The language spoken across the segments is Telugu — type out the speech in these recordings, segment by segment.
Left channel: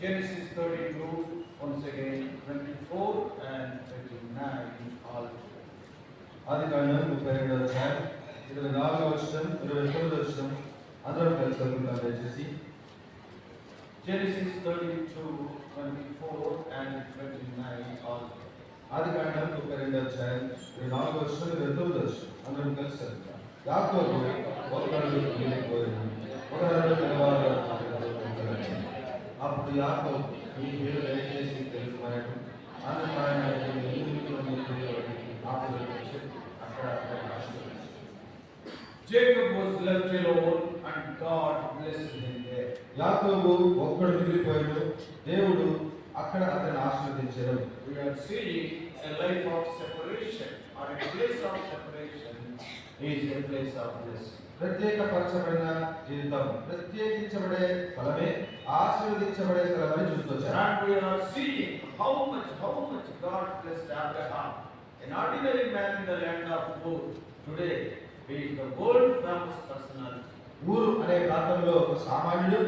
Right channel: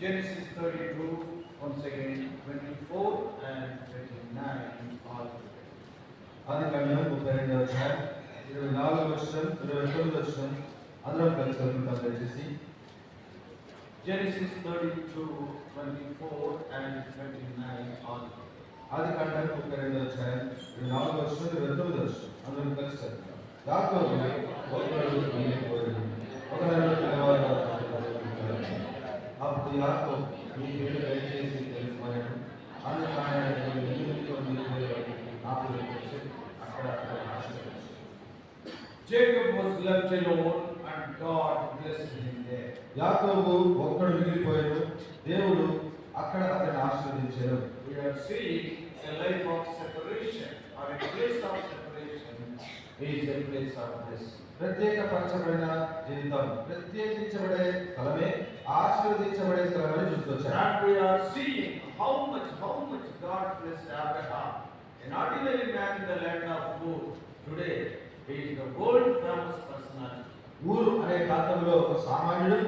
Genesis 32, once again 24 and 29 all together. ఆదికాండం 32వ అధ్యాయం 24వ వచనం 29వ వచనం అందరం కలిసి చదువుకుందాం దయచేసి. Genesis 32, 24 and 29 all together. ఆదికాండం 32వ అధ్యాయం 24వ వచనం 29వ వచనం అందరం కలిసి చదువుకుందాం. యాకోబు ఒకడు వెళ్ళిపోయాడు. ఒకడు తెల్లవారు అప్పుడు యాకోబు ఈ పేరు దయచేసి తెలుసుకున్నాడు. అందుకు ఆయన Jacob was left alone and God blessed him there. యాకోబు ఒక్కడు మిగిలిపోయాడు. దేవుడు అక్కడ అతన్ని ఆశీర్వదించాడు. We are seeing a life of separation or a place of separation is a place of blessing. ప్రత్యేకపరచబడిన జీవితం, ప్రత్యేకించబడే స్థలమే ఆశీర్వదించబడే స్థలమని చూస్తున్నాం. And we are seeing how much God blessed Abraham, an ordinary man in the land of Ur. Today he is the world famous personality. ఊరు అనే ప్రాంతంలో ఒక సామాన్యుడు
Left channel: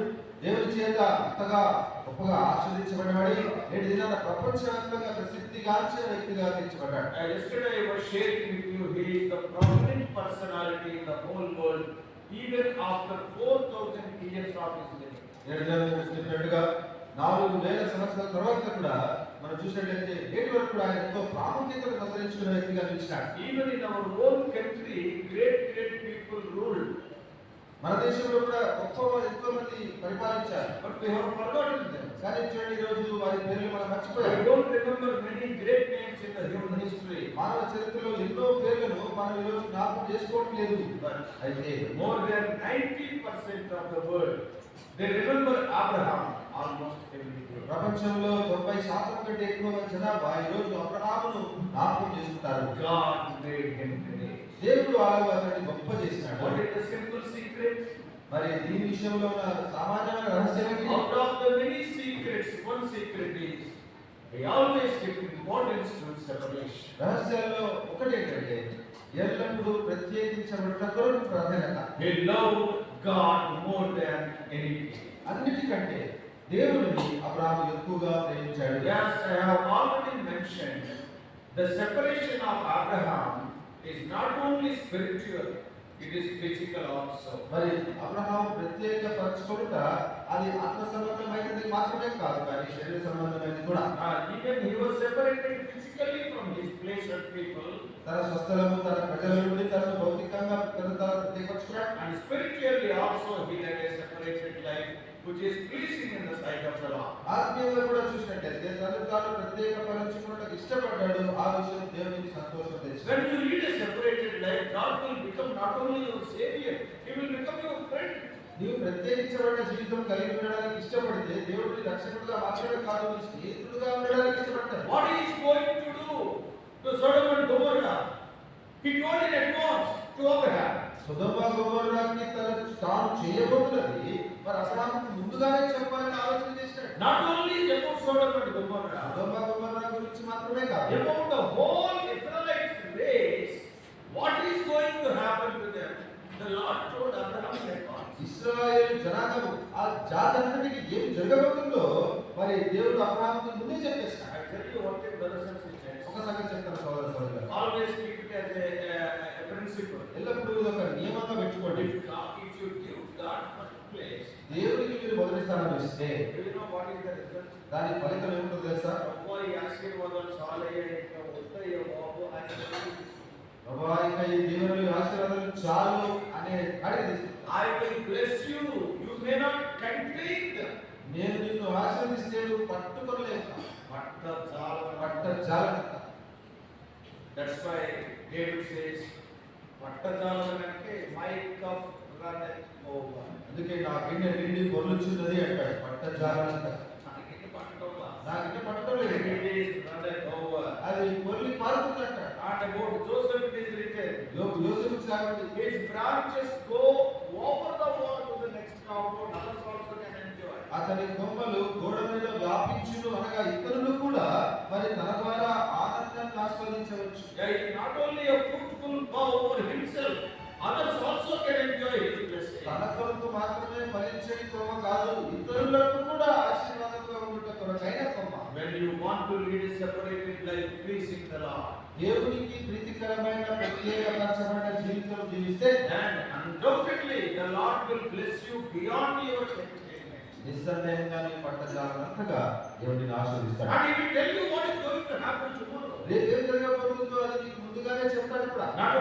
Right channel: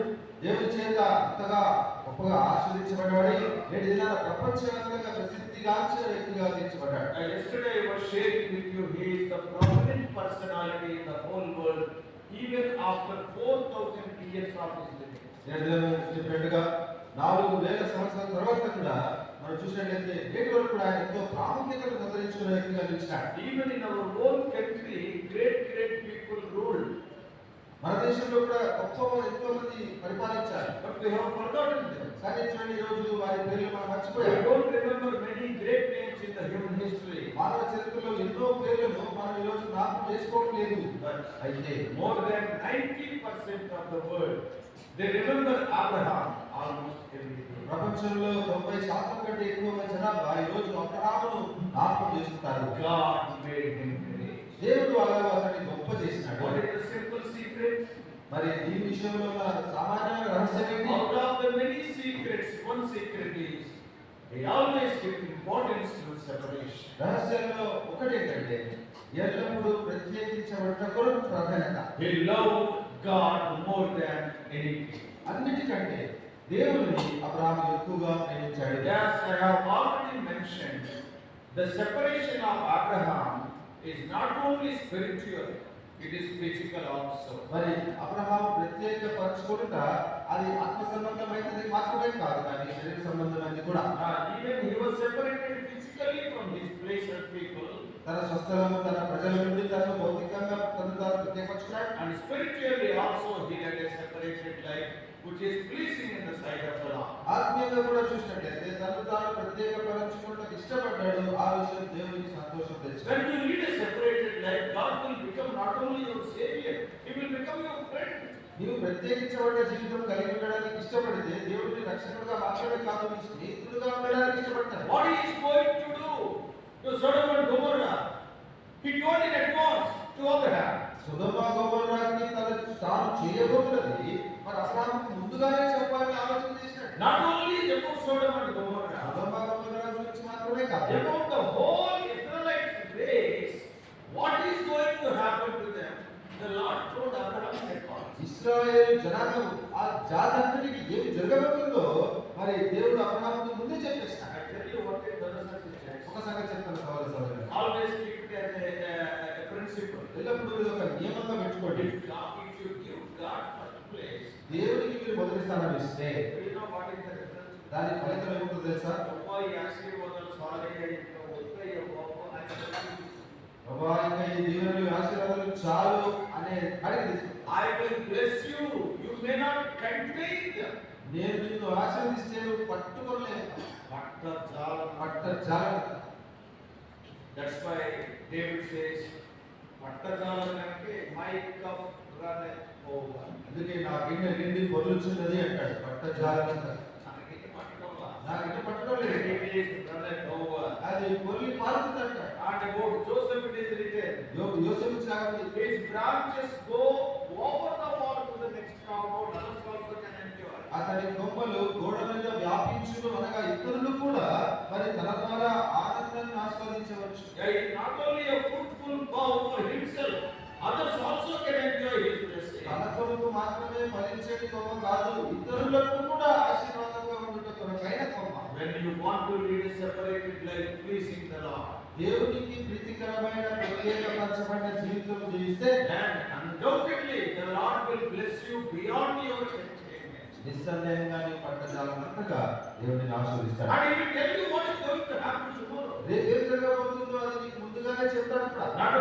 దేవుని చేత అంతగా గొప్పగా ఆశీర్వదించబడ్డాడు. నేటి దినాన ప్రపంచవ్యాప్తంగా ప్రసిద్ధిగాంచిన వ్యక్తిగా తీర్చబడ్డాడు. Yesterday I was sharing with you, he is the prominent personality in the whole world even after 4,000 years of his living. నేటి దినం చెప్పినట్టుగా 4,000 సంవత్సరాల తర్వాత కూడా మనం చూసినట్లయితే నేటి వరకు కూడా ఆయన ఎంతో ప్రాముఖ్యతను సంతరించుకున్న వ్యక్తిగా నిలిచాడు. Even in our own country, great people ruled. మన దేశంలో కూడా ఎంతో మంది పరిపాలించారు. But we have forgotten them. కానీ చూడండి, ఈ రోజు వారి పేర్లు మనం I మర్చిపోయాం. don't remember many great names in the human history. మానవ చరిత్రలో ఎన్నో పేర్లను మనం ఈ రోజు జ్ఞాపకం చేసుకోవట్లేదు. But అయితే more than 90% of the world, they remember Abraham almost every day. ప్రపంచంలో 90% కంటే ఎక్కువ జనాభా ఈ రోజు అబ్రహామును జ్ఞాపకం చేసుకుంటారు. God made him great. దేవుడు అలాగే అతన్ని గొప్ప చేసినాడు. What is the simple secret? మరి ఈ విషయంలో ఉన్న సామాన్యమైన రహస్యం ఏంటి? Out of the many secrets, one secret is he always gives importance to separation. రహస్యాల్లో ఒకటి ఏంటంటే ఎల్లప్పుడూ ప్రత్యేకించబడ్డ కొరకు ప్రాధాన్యత. He loved God more than anything. అన్నిటికంటే దేవుని అబ్రహాము ఎక్కువగా ప్రేమించాడు. Yes, I have already mentioned the separation of Abraham is not only spiritual, it is physical also. మరి అబ్రహాము ప్రత్యేకపరచుకొనుట అది ఆత్మ సంబంధమైనది మాత్రమే కాదు, కానీ శరీర సంబంధమైనది కూడా. Even he was separated physically from his place and people. తన స్వస్థలము, తన ప్రజల నుండి తనను భౌతికంగా తను ప్రత్యేకపరచుకున్నాడు. And spiritually also he led a separated life which is pleasing in the sight of the Lord. ఆత్మీయంగా కూడా చూసినట్లయితే తను తాను ప్రత్యేకపరచుకున్నట్టు ఇష్టపడ్డాడు. ఆ విషయం దేవునికి సంతోషం తెచ్చింది. When you lead a separated life, God will become not only your savior, he will become your friend. నీవు ప్రత్యేకించబడ్డ జీవితం కలిగి ఉండడానికి ఇష్టపడితే దేవుడిని రక్షకుడుగా మాత్రమే కాదు, నీ స్నేహితుడుగా ఉండడానికి ఇష్టపడతాడు. What he is going to do to Sodom and Gomorrah? He told in advance to Abraham. సొదొమ గొమొర్రాకి తాను చేయబోతున్నది మరి అబ్రహాముకు ముందుగానే చెప్పాలని ఆలోచన చేశాడు. Not only about Sodom and Gomorrah, సొదొమ గొమొర్రా గురించి మాత్రమే కాదు, about the whole Israelite race, what is going to happen to them. The Lord told Abraham in advance. ఇశ్రాయేలు జనాంగం ఆ జాతంతటికి ఏమి జరగబోతుందో మరి దేవుడు అబ్రహాముకు ముందే చెప్పేశాడు. I tell you what it brothers and sisters. ఒక సంగతి చెప్తాను సోదర సోదరులారా, Always keep it as a principle. ఎల్లప్పుడూ ఇది ఒక నియమంగా పెట్టుకోండి. If you give God first place, దేవుడికి మీరు మొదటి స్థానం ఇస్తే do you know what is the result? దాని ఫలితం ఏముంటుందో తెలుసా? అబ్బాయి ఆశీర్వాదాలు చాలయ్య వస్తాయి బాబు అని ప్రభువా, ఇంకా ఈ దేవుని ఆశీర్వాదాలు చాలు అనే కాడికి I will bless you. You may not contain them. నేను నిన్ను ఆశీర్వదిస్తే నువ్వు పట్టుకోలేవు. పట్టజాలం. That's why David says, పట్టజాలనంటే my cup runneth over. అందుకే నా గిన్నె నిండి పొర్లుచున్నది అంటాడు. పట్టజాలం. నాకు నాకిట పట్టుకోలేదు. it is runneth over. అది పొర్లి పారుతుందంట. And about Joseph it is written, యోసేపు చాలు his branches go over the wall to the next compound, others also can enjoy. అతని కొమ్మలు గోడ మీద వ్యాపించును అనగా ఇతరులు కూడా మరి తన ద్వారా ఆనందాన్ని ఆస్వాదించవచ్చు. Not only a fruitful bough for himself, others also can enjoy his blessing. తన కొరకు మాత్రమే ఫలించేది కొమ్మ కాదు, ఇతరులకు కూడా ఆశీర్వాదంగా you want to lead a separated life pleasing the Lord, దేవునికి ప్రీతికరమైన ప్రత్యేకపరచబడిన జీవితం జీవిస్తే then undoubtedly the Lord will bless you beyond your expectation. నిస్సందేహంగా నీ పట్ల జాగ్రత్తగా దేవుడిని ఆశీర్వదిస్తాడు. And he will tell you what is going to happen tomorrow. రేపు ఏం జరగబోతుందో అది నీకు ముందుగానే చెప్తాడు కూడా. Not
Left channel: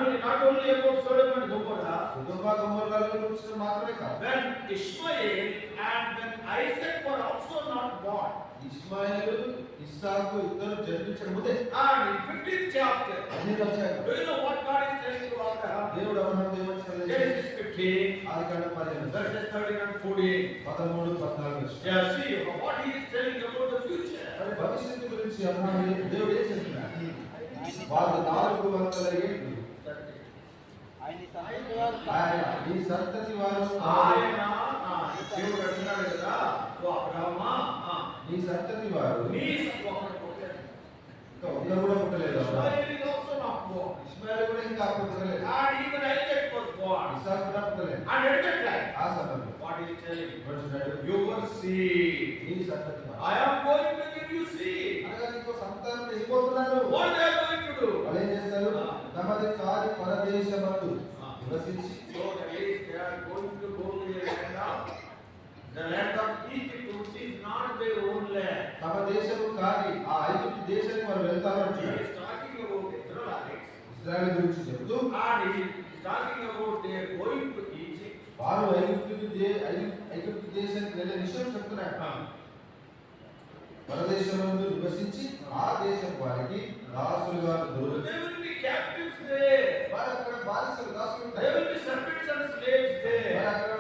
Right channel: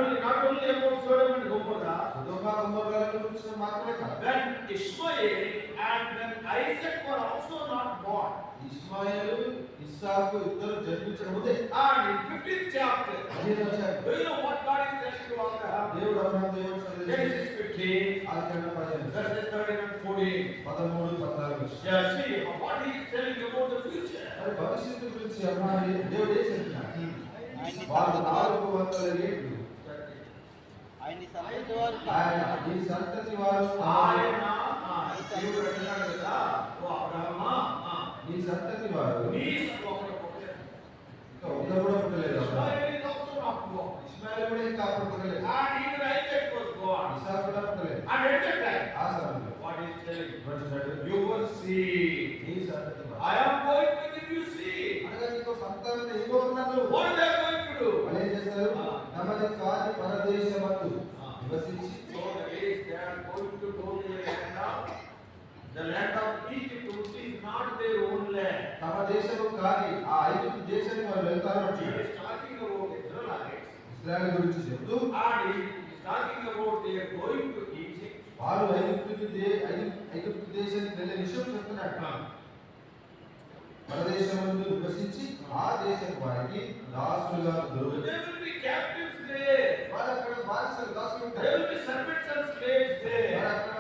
only about Sodom and Gomorrah, సొదొమ గొమొర్రాల గురించి మాత్రమే కాదు. when Ishmael and when Isaac were also not born. ఇష్మాయేలు ఇస్సాకు ఇద్దరు జన్మించక ముందే And in 15th chapter, అదే వచ్చాక do you know what God is telling to Abraham? దేవుడు అబ్రహాము దేవుడు Genesis 15, Adikandam 15 verses 13 and 14. 13 14. Yeah, see what he is telling about the future. మరి భవిష్యత్తు గురించి అబ్రహాము దేవుడు ఏం చెప్తున్నాడు? వాళ్ళు 400 ఏళ్ళు ఆయన ఈ సంతతి వారు ఆయన దేవుడు అంటున్నాడు కదా, ఓ అబ్రహమా, ఈ సంతతి వారు నీ ఒకడు పుట్టలేదు. ఇంకా ఒకరు కూడా పుట్టలేదు. Ishmael is also not born. ఇష్మాయేలు కూడా ఇంకా అప్పుడు పుట్టలేదు. And even Isaac was born. ఇస్సాకు కూడా పుట్టలేదు. And at that time, ఆ సమయంలో what he is telling, అంటున్నాడు, your seed, ఈ సంతతి వారు I am going to give you seed. అనగా నీకు సంతానం ఇవ్వబోతున్నాను. What they are going to do? వాళ్ళు ఏం చేస్తారు? తమది కాని పరదేశమందు నివసించి So that is, they are going to go to the land of Egypt, which is not their own land. తమ దేశము కాని ఆ ఐగుప్తు దేశానికి మనం వెళ్తారు He అంటున్నాడు. is talking about Israelites. ఇశ్రాయేలు గురించి చెప్తూ And he is talking about they are going to Egypt. వారు ఐగుప్తు దేశానికి వెళ్ళే విషయం చెప్తున్నాడు. పరదేశమందు నివసించి ఆ దేశం వారికి దాసులుగా దొరుకుతారు. They will be captives there. వారు అక్కడ బానిసలు దాసులు There ఉంటారు. will be servants and slaves వారు there. అక్కడ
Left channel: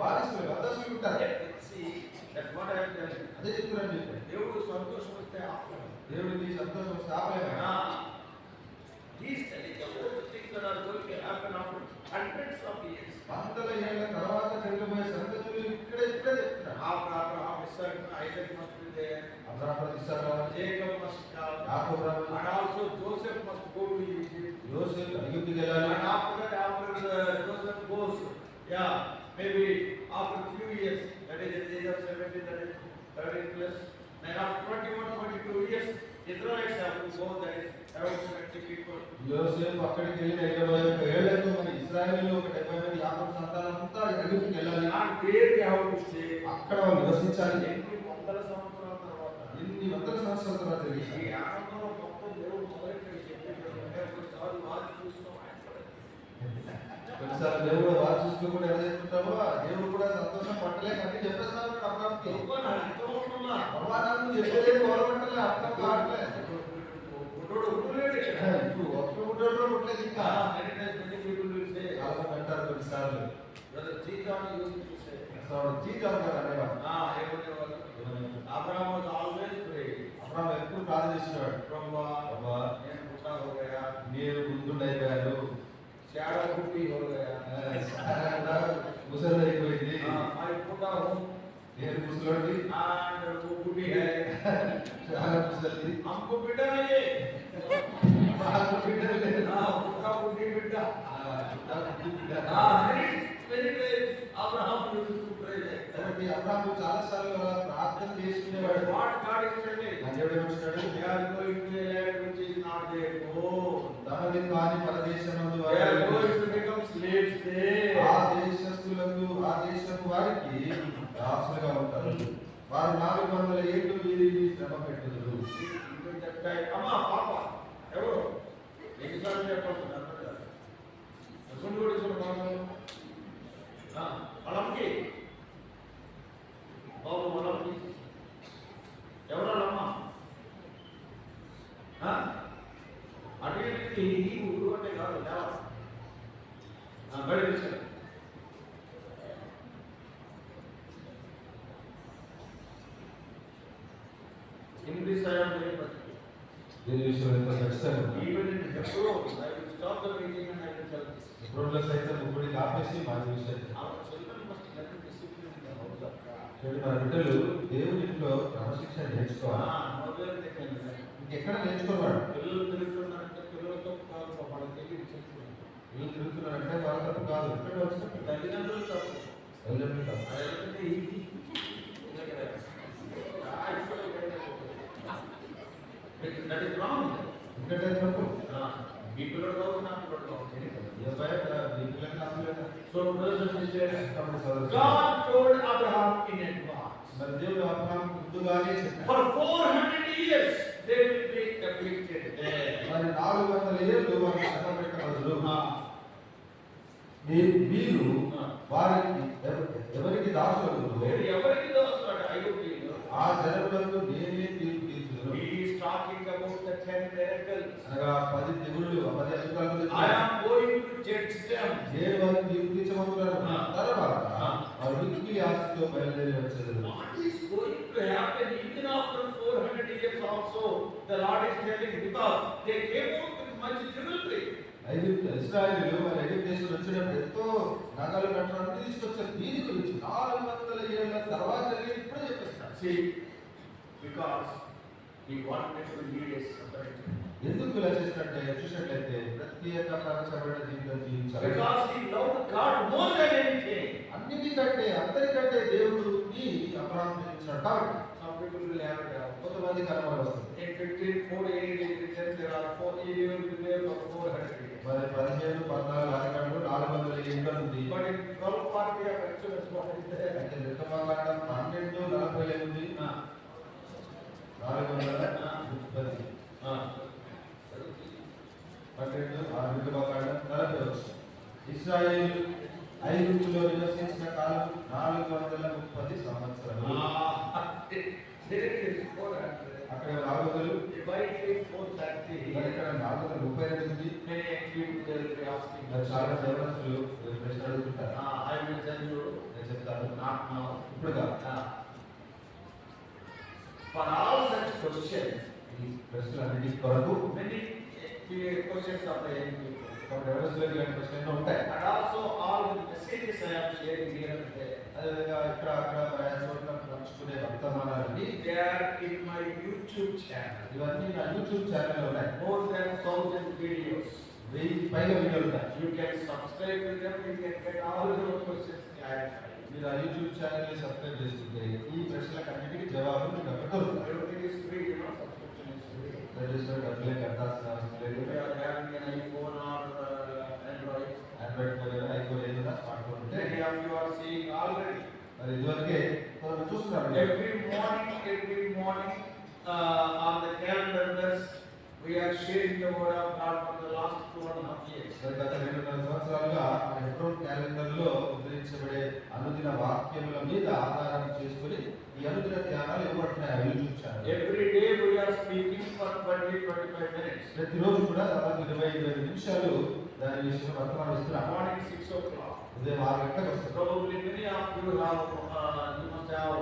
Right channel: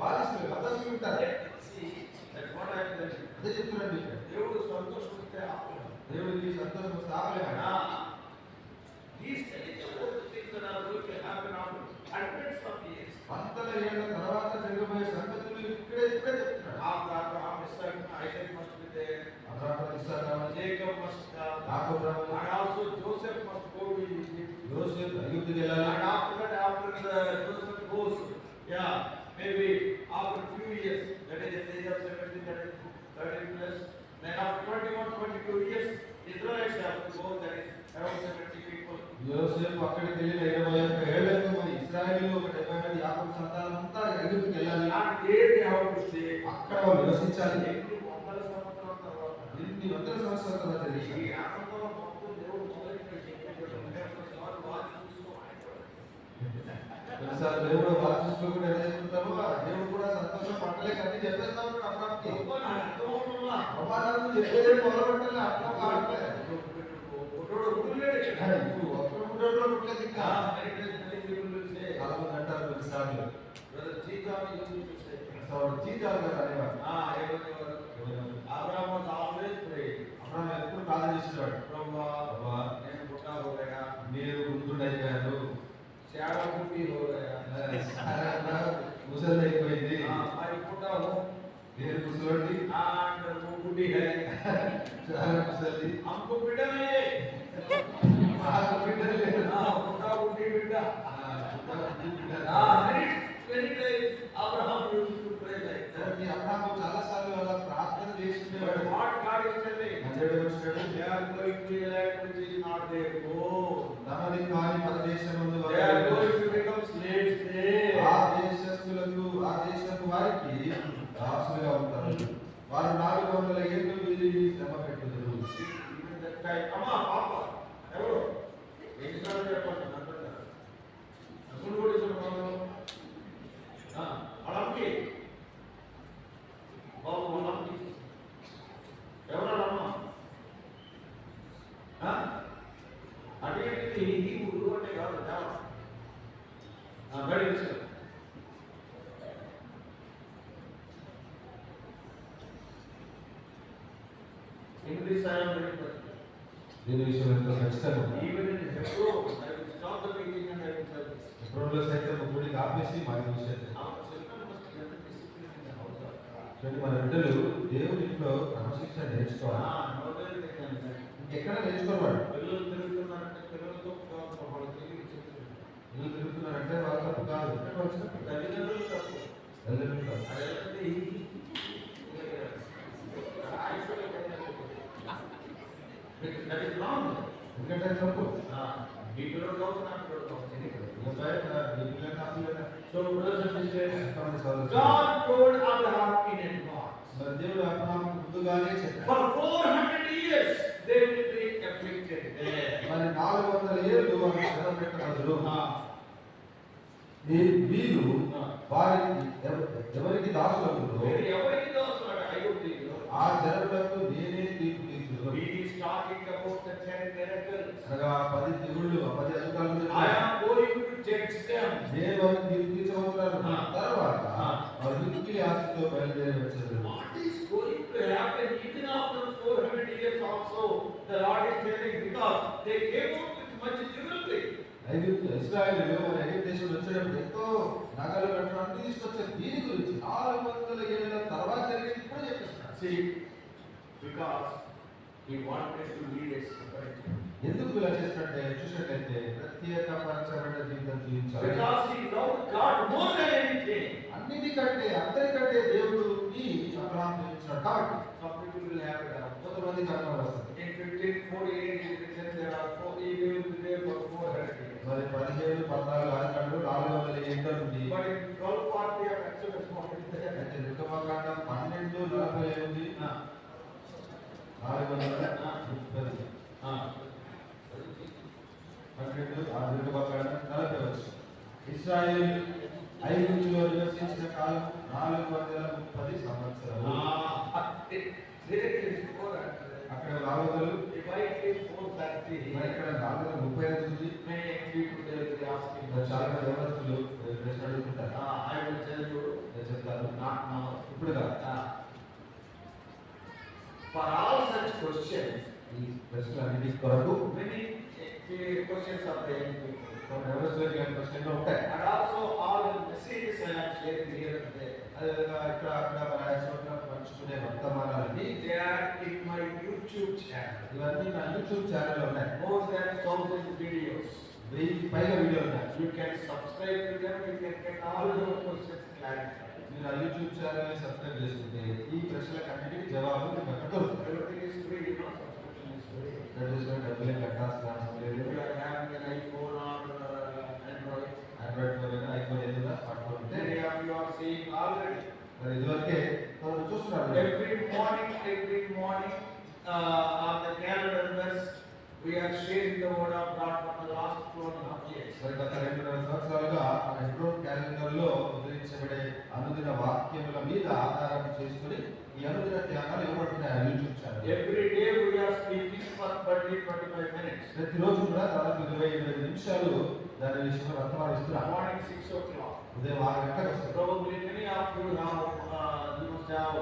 బానిసలు దాసులు ఉంటారు. See, that's what I am telling you. అదే చెప్తున్నాడు. దేవుడు సంతోషం వస్తే ఆపలేడు. దేవుడికి సంతోషం వస్తే ఆపలేడు. He is telling about the things that are going to happen after hundreds of years. 100 ఏళ్ల తర్వాత జరగబోయే సంగతులు ఇప్పుడే చెప్తున్నాడు. After Isaac must be there. Abraham, Isaac, Jacob must come. యాకోబు, And also Joseph must go to Egypt. యోసేపు ఐగుప్తుకి వెళ్ళాలి. And after that, after Joseph goes, yeah, maybe after few years, that is the age of 17, that is 13 plus, then after 21, 22 years, Israelites have to go, that is around 70 people. యోసేపు అక్కడికి వెళ్ళి 21 ఏళ్లకు మరి ఇశ్రాయేలు ఒక 70 మంది యాకోబు సంతానం అంతా ఐగుప్తుకి వెళ్ళాలి. And there they have to stay. అక్కడ వాళ్ళు నివసించాలి. ఎన్ని వందల సంవత్సరాల తర్వాత. ఎన్ని వందల సంవత్సరాల తర్వాత తెలియదు. ఈ ఆనందంలో మొత్తం దేవుడు మొదలెట్టాడు చెప్పేటప్పుడు కొన్నిసార్లు వారు చూస్తూ మాట్లాడారు. కొన్నిసార్లు దేవుడు వాళ్ళు చూసుకుంటూ ఎలా చెప్తుంటామో దేవుడు కూడా సంతోషం పట్టలేక అన్ని చెప్పేస్తా ఉంటాడు అబ్రహాముకి. అవ్వాలను చెప్పేదే మొదలుపెట్టలే, అర్థం కావట్లేదు. గుడ్డోడు గుడ్డలేడు ఇక్కడ. ఇప్పుడు ఒక్క గుడ్డోడు పుట్టలేదు ఇంకా. many people will say, అలాగే అంటారు కొన్నిసార్లు. brother G-John used to say, జీతాలు గారు అనేవారు. ఎవరెవరు? Abraham was always praying. Abraham ఎప్పుడు ప్రార్థన చేసేవాడు. Prabhuva, అబ్బా, నేను బుట్టా హో గయా, నేను గుర్తుండైపోయాను, శాడ బుట్టి హో గయా, ముసలి అయిపోయింది, మై బుట్టా హో, నేను ముసలోడి, and वो बुढ़ी है, చాలా ముసలి, हमको बेटा नहीं है, నాకు బిడ్డ లేదు. बुढ़ा बुढ़ी बेटा. Many days Abraham used to pray like that. కాబట్టి అబ్రహాము చాలా సార్లు అలా ప్రార్థన చేసుకునేవాడు. What God is telling, దేవుడు వచ్చినాడు, they are going to a land which is not their own. తమది కాని పరదేశమందు They are going to become slaves there. ఆ దేశస్థులకు ఆ దేశపు వారికి దాసులుగా ఉంటారు. వారు 400 ఏళ్ళు వీరిని శ్రమ పెట్టుదురు. Even that guy, అమ్మా పాప ఎవరు ఎన్నిసార్లు చెప్పాలి అసలు కూడా ఇద్దరు వాళ్ళకి బాబు వాళ్ళకి ఎవరమ్మా అడిగేది ఊరు అంటే కాదు బయట విషయం ఇంగ్లీష్ దీని విషయం ఎంతో ఖచ్చితంగా even in Hebrew, I will stop the meeting and I will tell this. ఎప్పుడో సైతం ముగ్గురిని ఆపేసి మాది విషయం. Our children must learn discipline in the house of God. చూడండి, మన బిడ్డలు దేవుని ఇంట్లో క్రమశిక్షణ నేర్చుకోవాలి. Nowhere they can learn. ఎక్కడ నేర్చుకోవాలి. పిల్లలు తిరుగుతున్నారంటే పిల్లలతో కాదు, వాళ్ళకి తెలియదు చెప్తున్నారు. వీళ్ళు తిరుగుతున్నారంటే వాళ్ళ తప్పు కాదు, ఇక్కడ వచ్చిన తల్లిదండ్రులు తప్పు. తల్లిదండ్రులు తప్పు. అదేంటి బదులు మీరు వారికి ఎవరికి దాసులు ఎవరికి దోస్తాడు ఐగుప్తీయులు ఆ జనములకు నేనే తీర్పు తీర్చుదును. He is talking about the 10 miracles. అనగా 10 దిగుళ్ళు 10 అద్భుతాల గురించి I am going to judge them. నేను వారికి తీర్పు తీర్చబోతున్నాను. తర్వాత వారు మిక్కిలి ఆశతో బయలుదేరి వచ్చారు. What is going to happen even after 400 years also? The Lord is telling because they came out with much jewelry. ఇశ్రాయేలీయులు మన ఐగుప్తు దేశం వచ్చినప్పుడు ఎంతో నగలు నట్లు అన్ని తీసుకొచ్చారు. దీని గురించి 400 ఏళ్ల తర్వాత జరిగేది ఇప్పుడే చెప్పేస్తారు. See, because he wanted to lead us separate. ఎందుకు ఇలా చేసినట్టే చూసినట్లయితే ప్రత్యేకపరచబడిన జీవితం జీవించాలి. Because he loved God more than anything. అన్నిటికంటే అందరికంటే దేవుడిని అబ్రహాము ప్రేమించాడు కాబట్టి. Some people will have it. కొంతమందికి అనుమానం వస్తుంది. In 1548 it is written there are 4 years for 400 years. మరి 17 14 అరకండు 400 ఏళ్ళ నుండి But in 1240 of Exodus what is there? అయితే నిర్గమకాండం 12:40 ఉంది. 430 నిర్గమకాండం 40 వచ్చి ఇశ్రాయేలు ఐగుప్తులో నివసించిన కాలం 430 సంవత్సరాలు. అక్కడ 400 If I give 430, ఇక్కడ 430 ఉంది. many people will be asking. చాలా దేవతలు ప్రశ్న అడుగుతుంటారు. I will tell you, నేను చెప్తాను. not now. ఇప్పుడు కాదు. For all such questions, ఈ ప్రశ్నలన్నిటి కొరకు many questions are the young people. ఎవరెస్ట్లోకి ఇలాంటి ప్రశ్నలు ఉంటాయి. And also all the messages I am sharing here and there. అదేవిధంగా ఇక్కడ అక్కడ మన చోట్ల పంచుకునే వర్తమానాలన్నీ They are in my YouTube channel. ఇవన్నీ నా యూట్యూబ్ ఛానల్ ఉన్నాయి. More than 1000 videos. 1000 పైగా వీడియోలు ఉన్నాయి. You can subscribe to them. You can get all of your questions clarified. మీరు ఆ యూట్యూబ్ ఛానల్ ని సబ్స్క్రైబ్ చేసుకుంటే ఈ ప్రశ్నలకు అన్నిటికీ జవాబులు మీకు అక్కడ దొరుకుతాయి. Everything is free, you know, subscription is free. దయచేసి డబ్బులు కట్టాల్సిన అవసరం లేదు. If you are having an iPhone or Android, Android phone iPhone ఏదైనా స్మార్ట్ ఫోన్ ఉంటే many of you are seeing already. మరి ఇదివరకే మనం చూస్తున్నాం. Every morning on the calendar list, we are sharing the word of God for the last 2.5 years. మరి గత 2.5 సంవత్సరాలుగా మన హెబ్రోన్ క్యాలెండర్ లో ఉదయించబడే అనుదిన వాక్యముల మీద ఆధారం చేసుకుని ఈ అనుదిన ధ్యానాలు ఇవ్వబడుతున్నాయి YouTube channel. Every day we are speaking for 20-25 minutes. ప్రతిరోజు కూడా దాదాపు 20-25 నిమిషాలు దాని విషయంలో వర్తమానం ఇస్తున్నాం. Morning 6 o'clock. ఉదయం 6 గంటలకు వస్తుంది. Probably many of you must have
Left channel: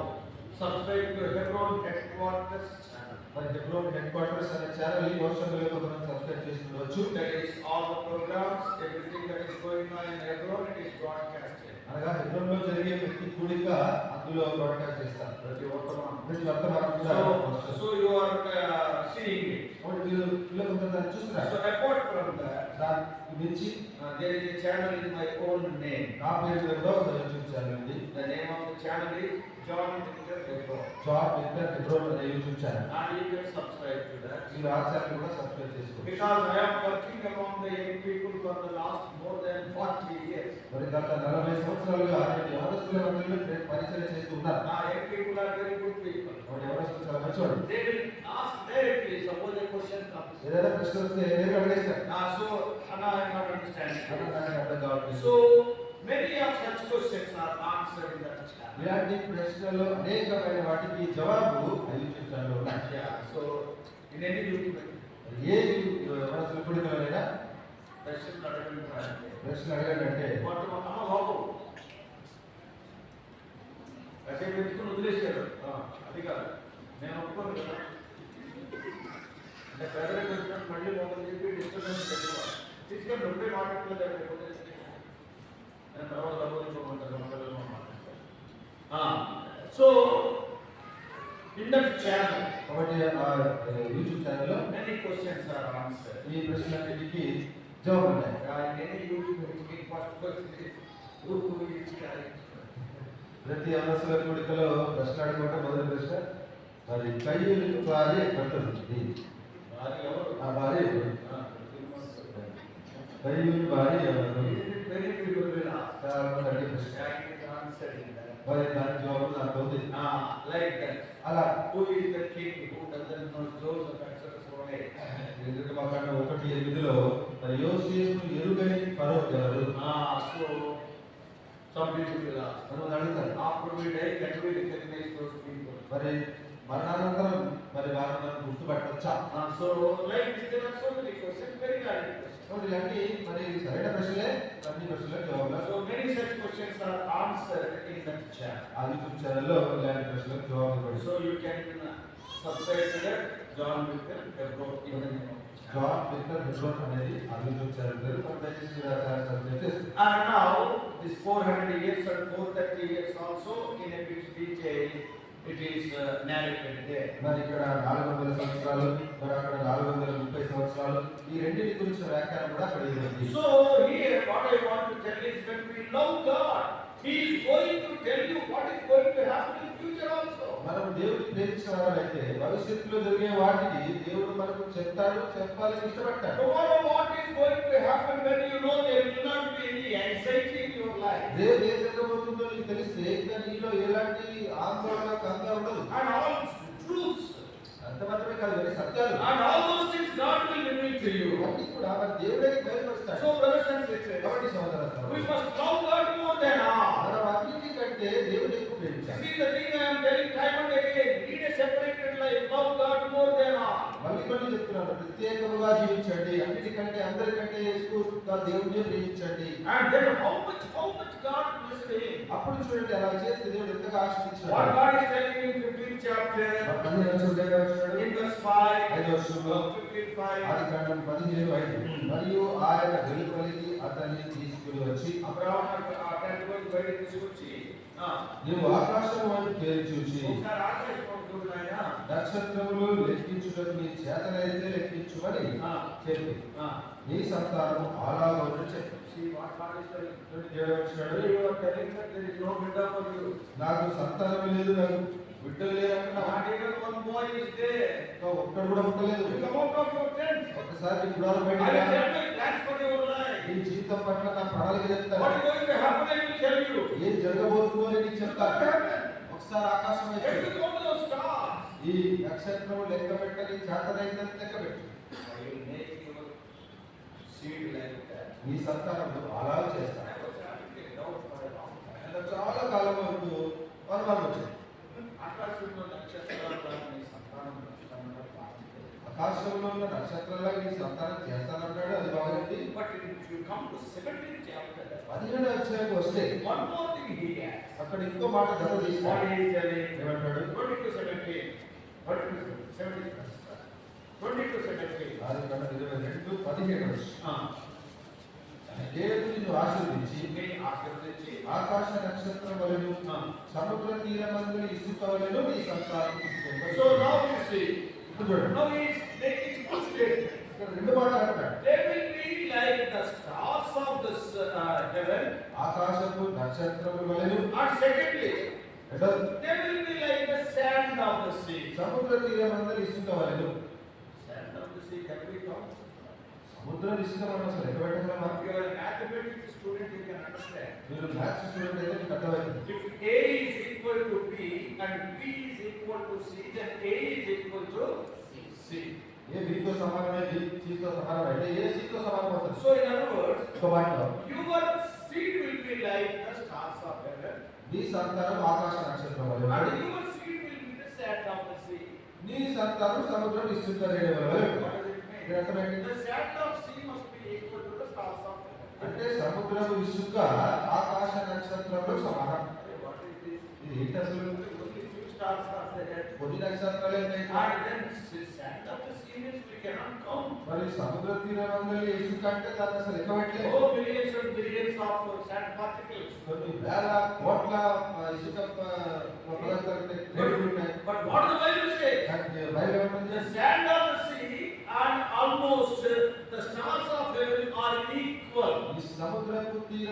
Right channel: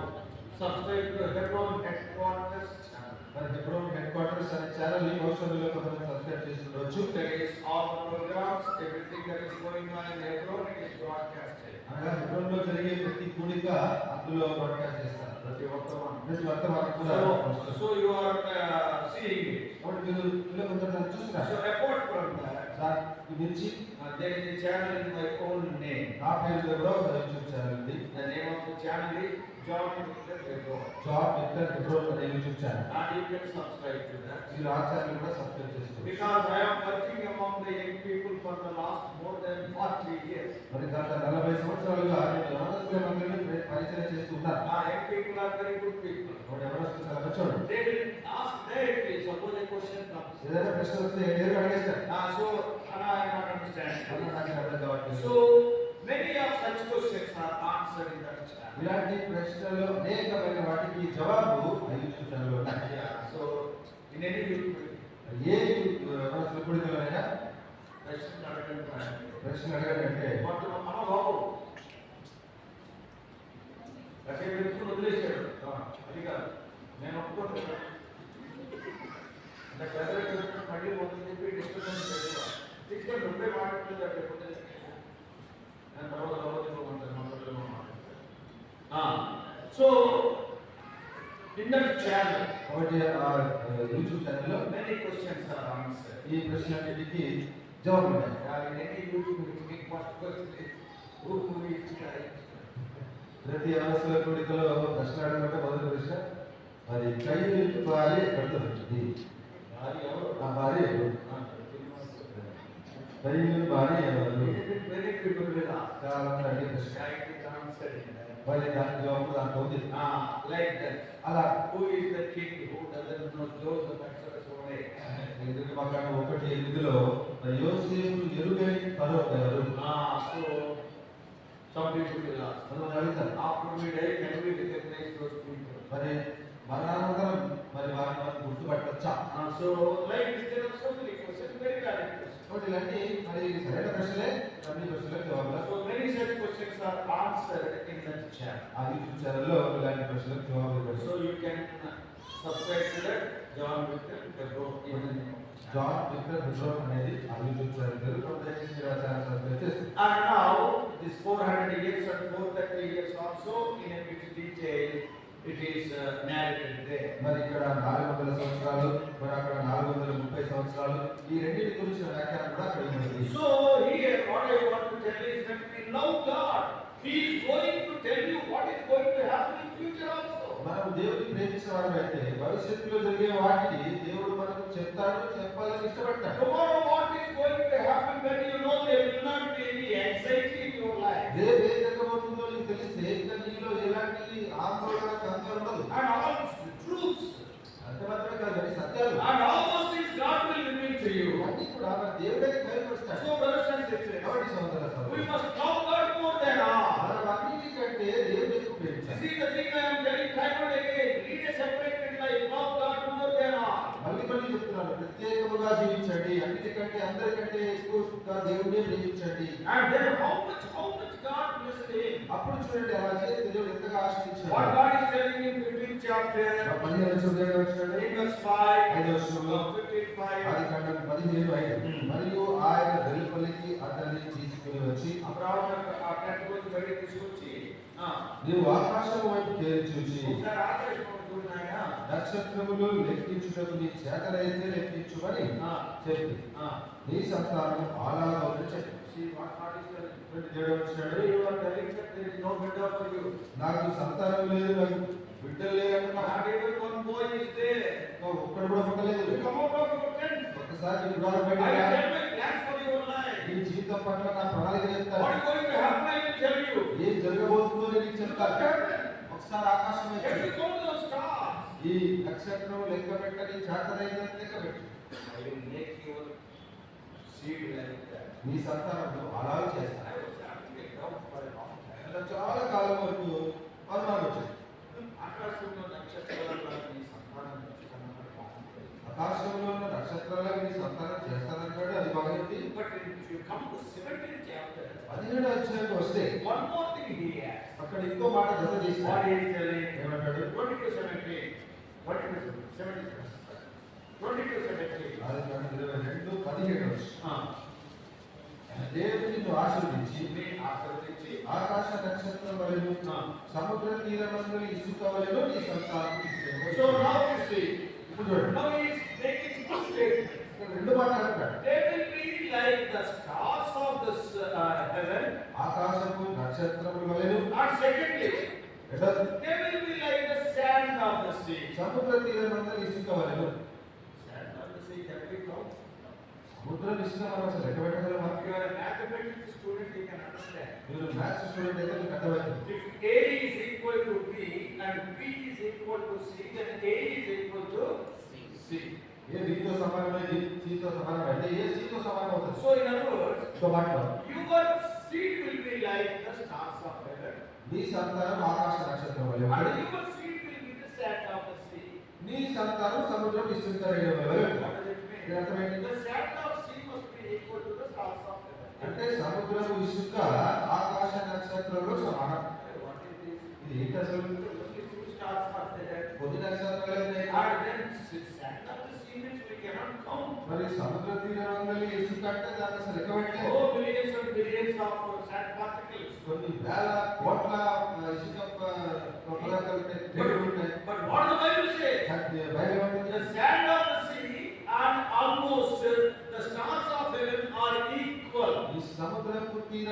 subscribed to Hebron Headquarters channel. మరి హెబ్రోన్ హెడ్ క్వార్టర్స్ అనే ఛానల్ ఈ వర్షంలో కొంతమంది సబ్స్క్రైబ్ చేసి ఉండవచ్చు. That is all the programs, everything that is going on in Hebron, it is broadcasted. అనగా హెబ్రోన్ లో జరిగే ప్రతి కూడిక అందులో బ్రాడ్కాస్ట్ చేస్తారు. ప్రతి వర్తమానం కూడా వస్తుంది. So you are seeing it. కాబట్టి మీరు ఇలా కొంతమంది చూస్తున్నారు. So apart from that, దాని గురించి there is a channel in my own name. నా పేరులో కూడా ఒక యూట్యూబ్ ఛానల్ ఉంది. The name of the channel is John Victor Hebron. Job with Hebron అనే YouTube channel. And you can subscribe to that. మీరు ఆ ఛానల్ కూడా సబ్స్క్రైబ్ చేసుకోండి. Because I am working among the young people for the last more than 40 years. మరి గత 40 సంవత్సరాలుగా నేను యవనస్తుల మధ్యలో పరిచయం చేస్తున్నాను. Young people are very good people. మరి యవనస్తులు చాలా మంచివాడు. They will ask directly, suppose a question comes. ఏదైనా ప్రశ్న వస్తే ఏదైనా అడిగేస్తారు. So, and I am not understanding. అది నాకు అర్థం కావట్లేదు. So, many of such questions are answered in that channel. ఇలాంటి ప్రశ్నలు అనేకమైన వాటికి జవాబు యూట్యూబ్ ఛానల్లో ఉన్నాయి. Yeah, so, in any YouTube, A యవనస్తుల కూడికలోనైనా question అడగండి. ప్రశ్న అడగండి అంటే But how? అసలు వ్యక్తిని వదిలేశాడు. అది కాదు, నేను ఒప్పుకోను కదా. అంటే ప్రెసిడెంట్ వచ్చినట్టు మళ్ళీ మొదలు చెప్పి డిస్కషన్ చేసేవాడు. తీసుకొని ఉండే మాట్లాడలేదు లేకపోతే నేను తర్వాత ఉంటాను సో in that channel, కాబట్టి ఆ యూట్యూబ్ ఛానల్లో many questions are answered. ఈ ప్రశ్నలన్నిటికీ జవాబు ఉన్నాయి. In any YouTube, first question is, who is Christ? ప్రతి యవనస్తుల కూడికలో ప్రశ్న అడగమంటే మొదటి ప్రశ్న మరి కయ్యూరు భార్య ఎక్కడుంది? ఆ భార్య కయ్యూరు భార్య ఎవరు? Many people will ask. చాలా మంది అడిగే ప్రశ్న. I can answer in that. మరి దాని జవాబు దాంట్లో ఉంది. Like that. అలా Who is the king who doesn't know Joseph, Exodus 1:18? 8. నిర్గమకాండ 1:8లో మరి యోసేపు ఎరుగని ఫరో ఎవరు? So some people will ask, మనం అడుగుతాం, after we die, can we recognize those people? మరి మరణానంతరం మరి వారిని మనం గుర్తుపట్టొచ్చా? So like this, there are so many questions, very valid questions. కాబట్టి ఇలాంటి మరి సరైన ప్రశ్నలే అన్ని ప్రశ్నలకు జవాబులు. So many such questions are answered in that chat. ఆ యూట్యూబ్ ఛానల్లో ఇలాంటి ప్రశ్నలకు జవాబులు ఇవ్వండి. So you can subscribe to that John Victor Hebron, even in John Victor Hebron అనేది ఆ యూట్యూబ్ ఛానల్ పేరు. దయచేసి మీరు ఆ ఛానల్ సబ్స్క్రైబ్ చేసుకోండి. And now this 400 years and 430 years also in a bit detail it is narrated there. మరి ఇక్కడ 400 సంవత్సరాలు, మరి అక్కడ 430 సంవత్సరాలు, ఈ రెండింటి గురించి వ్యాఖ్యానం కూడా అక్కడ ఇవ్వబడింది. So here what I want to tell is when we love God, He is going to tell you what is going to happen in future also. మనం దేవుడిని ప్రేమించిన వారైతే భవిష్యత్తులో జరిగే వాటిని దేవుడు మనకు చెప్తాడు, చెప్పాలని ఇష్టపడతాడు. Tomorrow what is going to happen when you know there will not be any anxiety in your life. రేపు ఏం జరగబోతుందో నీకు తెలిస్తే ఇంకా నీలో ఎలాంటి ఆందోళన కంగారు ఉండదు. And all truths. అంత మాత్రమే కాదు, మరి సత్యాలు And all those things God will reveal to you. అన్ని కూడా మన దేవుడే బయలుపరుస్తాడు. So brothers and sisters, కాబట్టి సోదరులారా, we must love God more than all. మనం అన్నిటికంటే దేవుడిని ఎక్కువ ప్రేమించాలి. See the thing I am telling time and again, lead a separated life, love God more than all. మళ్ళీ మళ్ళీ చెప్తున్నాను, ప్రత్యేకముగా జీవించండి, అన్నిటికంటే అందరికంటే ఎక్కువగా దేవుడిని ప్రేమించండి. And then how much God blessed him. అప్పుడు చూడండి అలా చేస్తే దేవుడు ఎంతగా ఆశీర్వదించాడు. What God is telling in 15th chapter, మరి 15వ వచనం in verse 5, 5వ వచనంలో 15:5, ఆదికాండం 15:5 మరియు ఆయన వెలుపలికి అతన్ని తీసుకుని వచ్చి అబ్రహాము ఆ టెంట్ వైపు బయటికి తీసుకొచ్చి, నీవు ఆకాశం వైపు తేరి చూచి ఒకసారి ఆకాశం వైపు చూడు నాయనా, నక్షత్రములు లెక్కించుటకు నీ చేతనైతే లెక్కించుమని చెప్పి నీ సంతానము అలాగని చెప్పి. See what God is telling. 27వ వచనం, You are telling that there is no better for you. నాకు సంతానం లేదు, నాకు బిడ్డలు లేరు అంటున్నా. Not even one boy is there. ఒక్కడు కూడా పుట్టలేదు. You come out of your tent. ఒకసారి నీ గృహాలు బయటికి I రా. will tell my plans for your life. నీ జీవితం పట్ల నా ప్రణాళిక చెప్తాను. What is going to happen, I will tell you. ఏం జరగబోతుందో నేను నీకు What చెప్తాను. happened? ఒకసారి ఆకాశం వైపు Let చూడు. me count those stars. ఈ నక్షత్రం లెక్క పెట్టని చేతనైతే లెక్క పెట్టు. I will make your seed like that. నీ సంతానము అలా చేస్తాను. I was having a doubt for a long time. నాకు చాలా కాలం వరకు అనుమానం వచ్చింది. ఆకాశంలో నక్షత్రాల నీ సంతానం చేస్తానన్న ప్రార్థన. ఆకాశంలో ఉన్న నక్షత్రాలకు నీ సంతానం చేస్తానన్నాడు, అది బాగుంది. But if you come to 17th chapter, 17వ అధ్యాయానికి వస్తే one more thing he adds. అక్కడ ఇంకో మాట జత What చేశాడు. he is telling? ఏమంటాడు? 22:17. 22:17. ఆదికాండం 22:17 దేవుడు నిన్ను ఆశీర్వదించి నీ ఆశీర్వదించి ఆకాశ నక్షత్రం వలెను సముద్ర తీరమందరి ఇసుక వలెను నీ సంతానం ఇచ్చును. So now you see, ఇప్పుడు చూడండి, now he is making two statements. ఇక్కడ రెండు మాటలు అంటాడు. They will be like the stars of this heaven. ఆకాశపు నక్షత్రముల వలెను. And secondly, రెండోది, they will be like the sand of the sea. సముద్ర తీరమందరి ఇసుక వలెను. Sand of the sea, can we count? సముద్రం ఇసుక మనం అసలు ఎక్కడ పెట్టగలమా? If you are a mathematics student, you can understand. మీరు మ్యాథ్స్ స్టూడెంట్ అయితే మీకు అర్థమైంది. If A is equal to B and B is equal to C, then A is equal to C. ఏ బితో సమానమే, బి సితో సమానమే, ఏ సితో సమానం అవుతుంది. So in other words, ఒక వాటిలో your seed will be like the stars of heaven, నీ సంతానం ఆకాశ నక్షత్రం వలె and ఉంటుంది. your seed will be the sand of the sea. నీ సంతానం సముద్రం ఇసుక రేణువుల వలె ఉంటుంది. What does it mean? దీని అర్థం ఏంటి? The sand of sea must be equal to the stars of heaven. అంటే సముద్రం ఇసుక ఆకాశ నక్షత్రంలో సమానం. What is this? ఇది ఏంటి అసలు? Only few stars are there. కొన్ని నక్షత్రాలే ఉన్నాయి. And then sand of the sea means we cannot count. మరి సముద్ర తీరమందలి ఇసుక అంటే దాన్ని అసలు లెక్క పెట్టలేదు. Oh, millions and billions of sand particles. కొన్ని వేల కోట్ల ఇసుక పదార్థాలు ఉంటాయి, రేణువులు ఉంటాయి. But what the Bible says? Bible ఏమంటుంది? The sand of the sea and almost the stars of heaven are equal. ఈ సముద్రపు తీర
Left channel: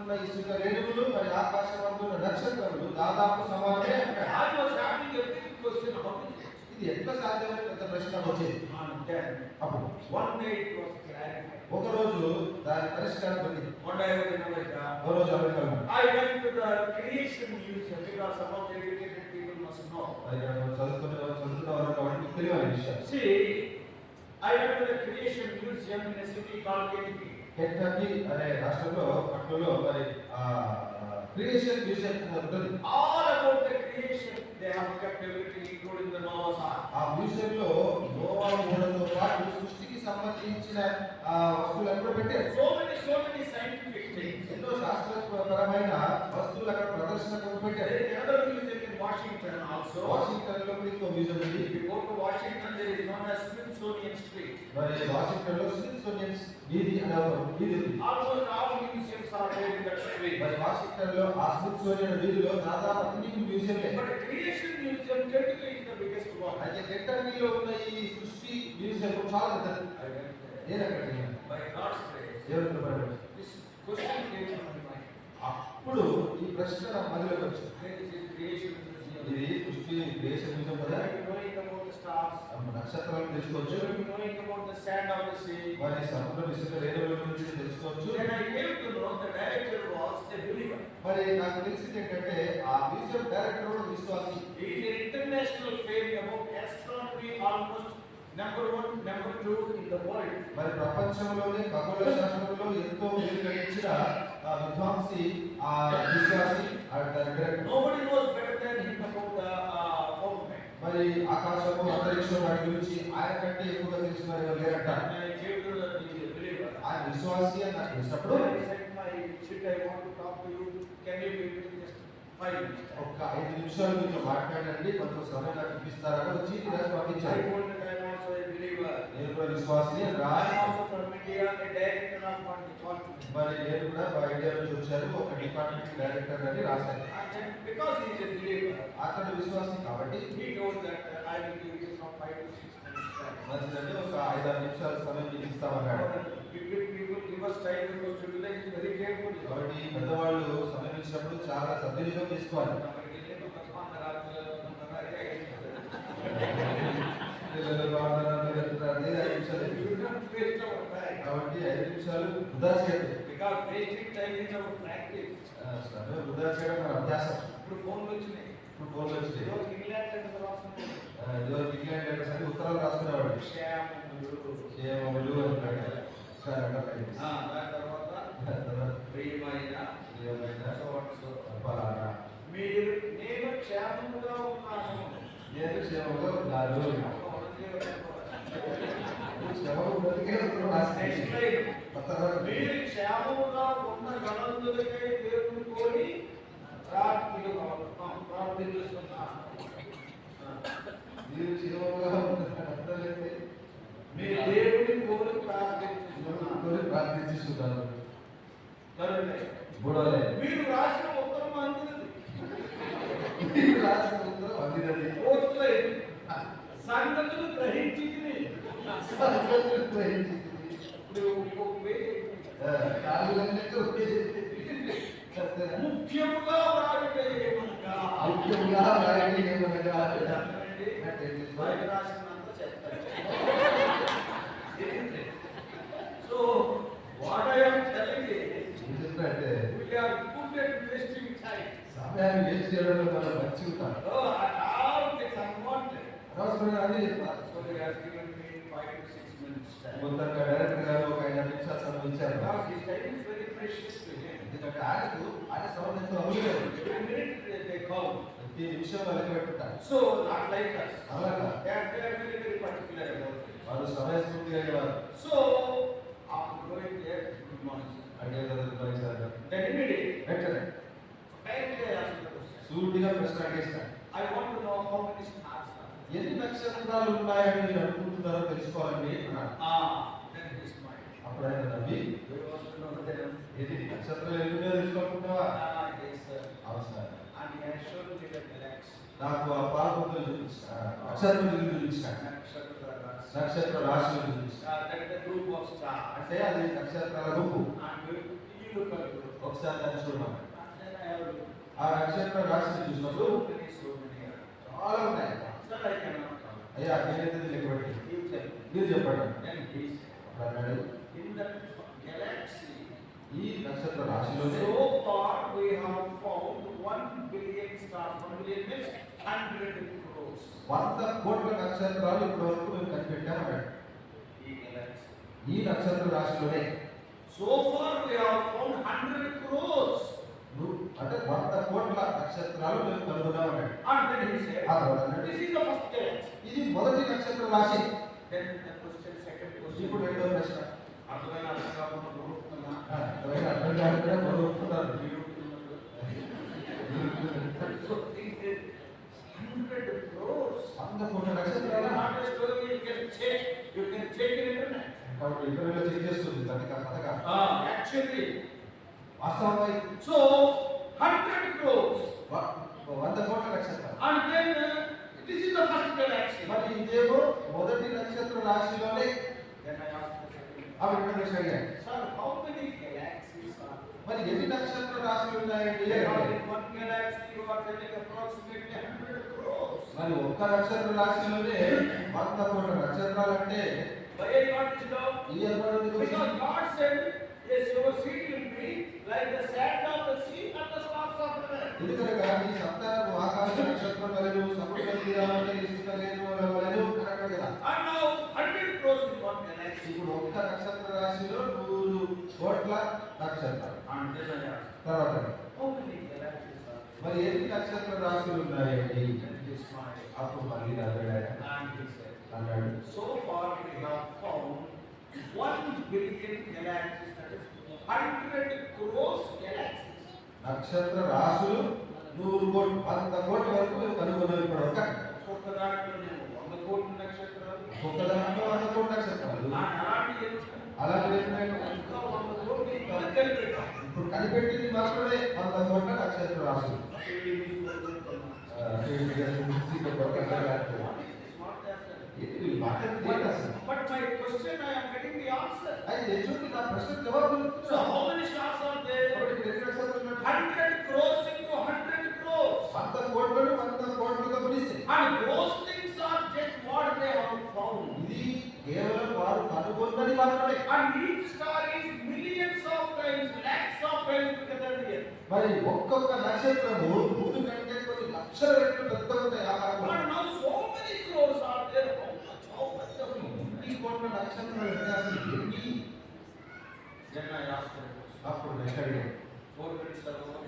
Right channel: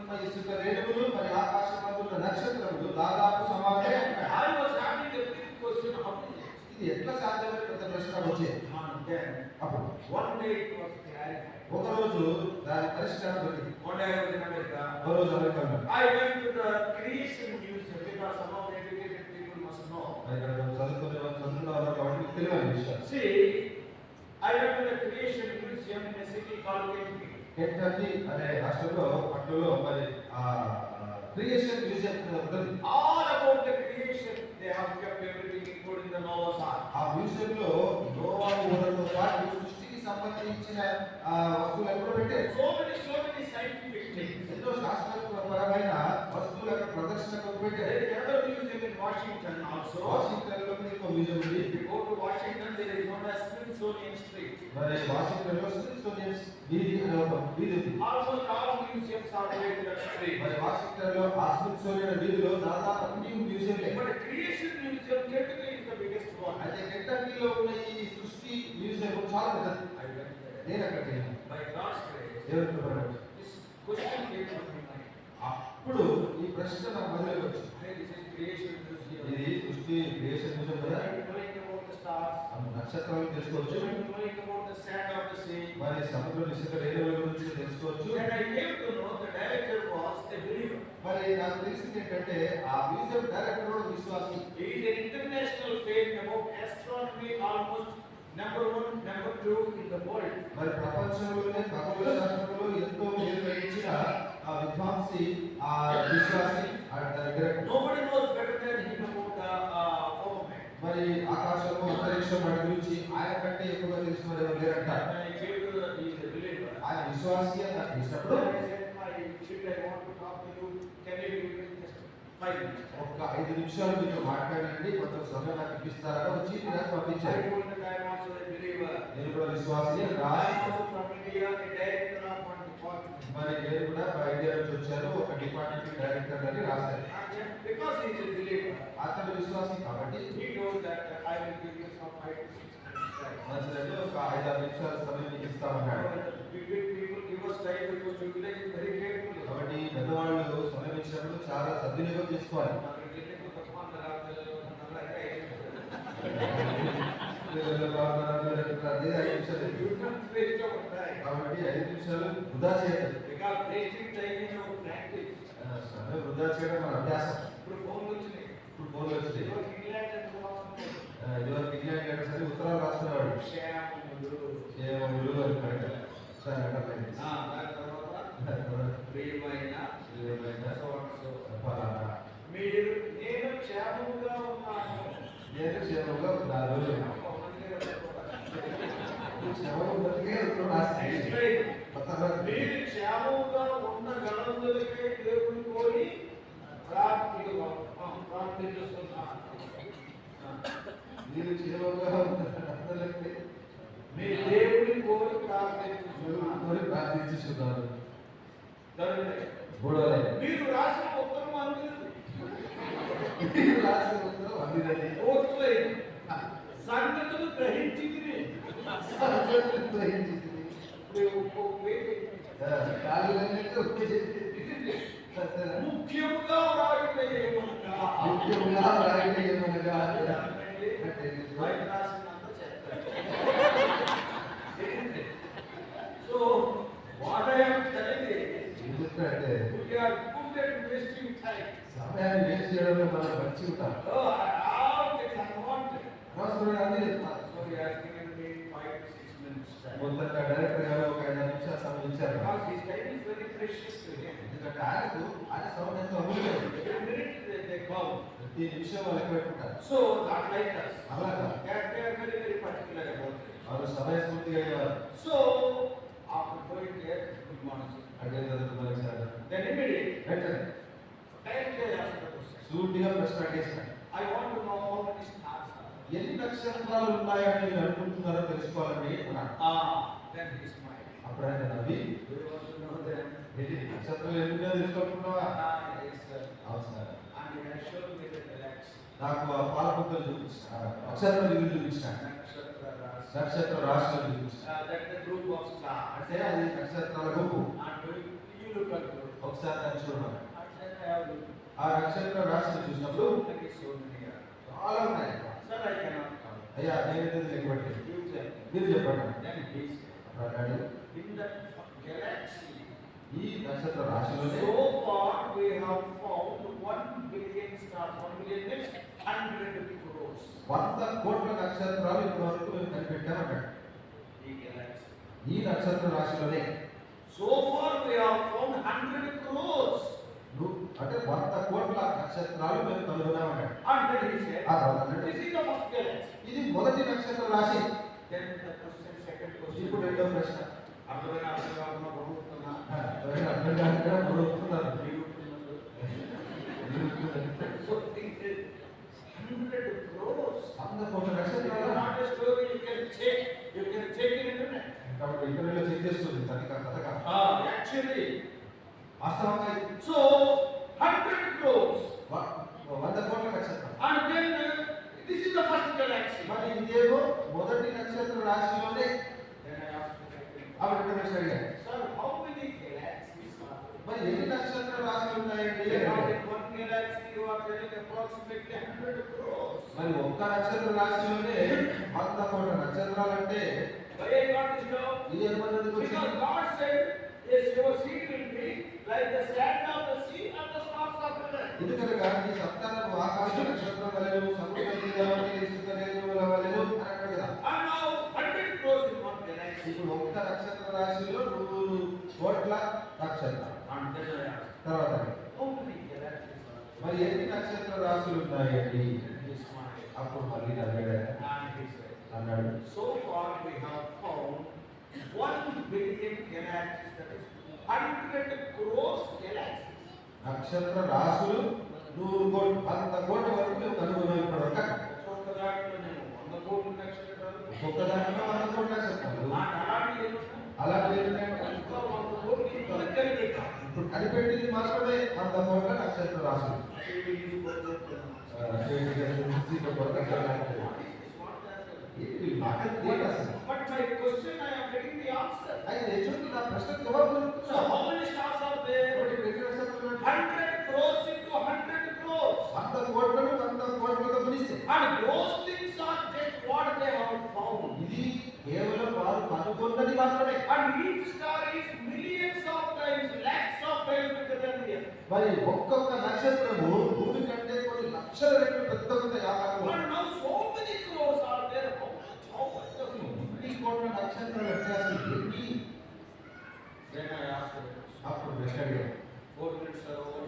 ఉన్న ఇసుక రేణువులు మరి ఆకాశం అందున్న నక్షత్రములు దాదాపు సమానమే ఉంటాయి. I was having a big question, how is it? ఇది ఎట్లా సాధ్యమైన పెద్ద ప్రశ్న వచ్చేది. And then అప్పుడు one day it was clarified. ఒక రోజు దాని పరిష్కారం దొరికింది. One day I was in America. ఒక రోజు అమెరికా ఉంది. I went to the creation museum because some of the educated people must know. మరి ఇక్కడ చదువుకున్న వాళ్ళు వాటికి తెలియని విషయం. See, I went to the Creation Museum in a city called Kentucky. Kentucky అనే రాష్ట్రంలో పట్టణంలో మరి క్రియేషన్ మ్యూజియం ఉంటుంది. All about the creation, they have kept everything, including the Noah's Ark. ఆ మ్యూజియం లో నోవా ఊహలతో పాటు సృష్టికి సంబంధించిన వస్తువులను కూడా పెట్టారు. So many scientific things. ఎన్నో శాస్త్రపరమైన వస్తువులు అక్కడ ప్రదర్శనకు పెట్టారు. There is another museum in Washington also. Washington లో ఇంకో మ్యూజియం ఉంది. If you go to Washington, there is one as Smithsonian Street. మరి వాషింగ్టన్ లో స్మిథ్సోనియన్ వీధి అనే ఒక వీధి ఉంది. Almost all museums are there in that street. మరి వాషింగ్టన్ లో ఆ స్మిథ్సోనియన్ వీధిలో దాదాపు అన్ని మ్యూజియంలే. But Creation Museum, Kentucky is the biggest one. అయితే కెంటకీలో ఉన్న ఈ సృష్టి మ్యూజియం చాలా పెద్దది. నేను అక్కడికి వెళ్ళాను. By God's grace, దేవుని కృపను బట్టి. this question came from my mind. అప్పుడు ఈ ప్రశ్న నా మనలోకి వచ్చింది. This is Creation Museum. ఇది సృష్టి క్రియేషన్ మ్యూజియం కదా. Knowing about the stars, నక్షత్రాలను తెలుసుకోవచ్చు. knowing about the sand of the sea. మరి సముద్రం ఇసుక రేణువుల గురించి తెలుసుకోవచ్చు. Then I came to know the director was a believer. మరి నాకు తెలిసింది ఏంటంటే ఆ మ్యూజియం డైరెక్టర్ కూడా విశ్వాసి. He is an international fame about astronomy, almost number 1, number 2 in the world. మరి ప్రపంచంలోనే ఖగోళ శాస్త్రంలో ఎంతో పేరు గడించిన విద్వాంసి ఆ విశ్వాసి ఆ director. Nobody knows better than him about the government. మరి ఆకాశము అంతరిక్షం వాటి గురించి ఆయన కంటే ఎక్కువగా తెలిసిన వారు ఎవరు లేరంట. When I came to the he is a believer. ఆయన విశ్వాసి అని నాకు తెలిసినప్పుడు I said, my shit, I want to talk to you. Can you give me just 5 minutes? ఒక 5 నిమిషాలు మీతో మాట్లాడండి, కొంచెం సమయం నాకు ఇప్పిస్తారని ఒక చీటీ రాసి I పంపించారు. told that I am also a believer. నేను కూడా విశ్వాసిని అని I రాసి am also from India, a director of one department. మరి నేను కూడా మా ఇండియా నుంచి వచ్చారు, ఒక డిపార్ట్మెంట్ డైరెక్టర్ అని రాశారు. And then because he is a believer, అతడు విశ్వాసి కాబట్టి he told that I will give you some 5 to 6 minutes time. మంచిదంటే ఒక 5-6 నిమిషాల సమయం మీకు ఇస్తామన్నాడు. People give us time because to utilize it very carefully. కాబట్టి పెద్దవాళ్ళు సమయం ఇచ్చినప్పుడు చాలా సద్వినియోగం చేసుకోవాలి. పిల్లలు బాగా అదే 5 నిమిషాలు. You don't waste our time. కాబట్టి 5 నిమిషాలు వృధా చేయదు. Because wasting time is our practice. సమయం వృధా చేయడం మన అభ్యాసం. ఇప్పుడు ఫోన్లు వచ్చినాయి. ఇప్పుడు ఫోన్లు వచ్చినాయి. ఇంగ్లాండ్ అంటే రాస్తున్నాడు. ఇదివరకు ఇంగ్లాండ్ లెటర్స్ అని ఉత్తరాలు రాసుకునేవాడు. క్షేమములు. క్షేమములు అని పెట్టారు. సరే దాని తర్వాత ప్రియమైన so and so. మీరు నేను క్షేమముగా ఉన్నాను. నేను క్షేమంగా ఉన్నాను. క్షేమం ఉన్నదికే ఉత్తరం రాసి మీరు క్షేమముగా ఉండగలందులకై దేవుని కోరి ప్రార్థిస్తున్నాను. మీరు క్షేమంగా ఉన్నట్లయితే మీరు దేవుని కోరి ప్రార్థిస్తున్నాను. మీరు రాసిన ఉత్తరం అందినది. మీరు రాసిన ఉత్తరం అందినది. ఓట్లేదు. సంగతులు గ్రహించింది. ముఖ్యముగా so what I am telling ఎందుకంటే we are good at wasting time. సమయాన్ని వేస్ట్ చేయడంలో మనం మంచి ఉంటాం. All things unwanted. అనవసరంగా అన్నీ చెప్తాం. So he has given me 5 to 6 minutes time. మొత్తంగా డైరెక్టర్ గారు ఒక 5 నిమిషాల సమయం ఇచ్చారు. Because his time is very precious to him. ఎందుకంటే ఆయన సమయం ఎంతో అమూల్యమైనది. Every minute they call. ప్రతి నిమిషం లెక్క పెట్టుకుంటారు. So not like us. అలాగా They are very very particular about it. వాళ్ళు సమయస్ఫూర్తిగా అయ్యేవారు. So after going there, good morning. అంటే చదువుతున్నారు. Then immediately వెంటనే directly I asked the question. సూటిగా ప్రశ్న అడిగేశారు. I want to know how many stars are. ఎన్ని నక్షత్రాలు ఉన్నాయని నేను అనుకుంటున్నారో తెలుసుకోవాలని అన్నాడు. Then he smiled. అప్పుడు ఆయన నవ్వి Do you want to know them? ఎన్ని నక్షత్రాలు ఎన్ని ఉన్నాయో తెలుసుకోవాలనుకుంటున్నావా? Yes sir. అవును sir. And he had shown me the galaxy. నాకు ఆ పాలపుత్రులు చూపించాడు. నక్షత్ర నిధులు చూపించాడు. నక్షత్ర రాశులు చూపించాడు. That is the group of stars. అంటే అది నక్షత్రాల గుంపు. And you look at it. ఒకసారి దాన్ని చూడమని. And then I have looked. ఆ నక్షత్ర రాశిని చూసినప్పుడు So many are. చాలా ఉన్నాయి. Sir, I cannot count. అయ్యా నేనైతే లెక్కబట్టి You tell me. మీరు చెప్పండి. Then he said, అప్పుడు అన్నాడు in that galaxy, ఈ నక్షత్ర రాశిలోనే so far we have found 1 billion stars. 1 billion means 100 crores. 100 కోట్ల నక్షత్రాలు ఇప్పటి వరకు మేము కనిపెట్టామన్నాడు. ఈ నక్షత్ర రాశిలోనే So far we have found 100 crores. అంటే 100 కోట్ల నక్షత్రాలు మేము కనుగొన్నామన్నాడు. And then he said, ఆ తర్వాత అన్నాడు, this is the first galaxy. ఇది మొదటి నక్షత్ర రాశి. Then the question, second question. ఇప్పుడు రెండో ప్రశ్న. అర్థమైన అర్థం కాకుండా బరువుతున్నా. అర్థం కాకుండా బరువుతున్నారు. So think that 100 crores. 100 కోట్ల నక్షత్రాలు. Not a story you can check. You can check in internet. కాబట్టి ఇంటర్వ్యూలో చెక్ చేస్తుంది దానికి ఆ కథగా. Actually. వాస్తవంగా So 100 crores. 100 కోట్ల నక్షత్రాలు. And then this is the first galaxy. మరి ఇదేమో మొదటి నక్షత్ర రాశిలోనే. Then I asked the second. ఆ రెండో ప్రశ్న అడిగాను. Sir, how many galaxies are there? మరి ఎన్ని నక్షత్ర రాశులు ఉన్నాయండి? In one galaxy you are telling approximately 100 crores. మరి ఒక్క నక్షత్ర రాశిలోనే 100 కోట్ల నక్షత్రాలు అంటే Why I got this job? ఇది ఎవరికి Because God said, yes, your seed will be like the sand of the sea and the stars of heaven. ఎందుకనగా నీ సంతానం ఆకాశ నక్షత్రం వలెను సముద్ర తీరమని ఇసుక రేణువుల వలెను అన్నాడు కదా. And now 100 crores in one galaxy. ఇప్పుడు ఒక్క నక్షత్ర రాశిలో 100 కోట్ల నక్షత్రాలు. And then I asked, తర్వాత how many galaxies are there? మరి ఎన్ని నక్షత్ర రాశులు ఉన్నాయండి? He smiled. అప్పుడు మళ్ళీ అన్నాడు. And he said, అన్నాడు, so far we have found 1 billion galaxies, that is 100 crores galaxies. నక్షత్ర రాశులు 100 కోట్ల వరకు మేము కనుగొన్నాం ఇప్పుడు ఒక. So ఒకదాంట్లో నేను 100 కోట్ల నక్షత్రాలు, ఒక్క దాంట్లో 100 కోట్ల నక్షత్రాలు. అలాంటి ఎన్ని అలాంటి ఏంటంటే ఇంకా 100 కోట్లు ఇంకా దగ్గర పెట్టాను. ఇప్పుడు కనిపెట్టింది మాత్రమే 100 కోట్ల నక్షత్ర రాశులు. But my question, I am getting the answer. అయితే ఎటువంటి నా ప్రశ్న జవాబు So how many stars are there? 100 crores into 100 crores. 100 కోట్లను 100 కోట్లతో గుణిస్తే And those things are just what they have found. ఇది కేవలం వారు కనుగొన్నది మాత్రమే. And each star is millions of times, lakhs of times bigger than the other. మరి ఒక్కొక్క నక్షత్రము భూమి కంటే కొన్ని లక్షల రెట్లు పెద్ద ఉంటాయి ఆకారంలో. And now so many crores are there. How much of it? ఈ కోట్ల నక్షత్రాలు అంటే అసలు ఏంటి? Then I asked her, అప్పుడు ప్రశ్న అడిగాను. 4 minutes are over.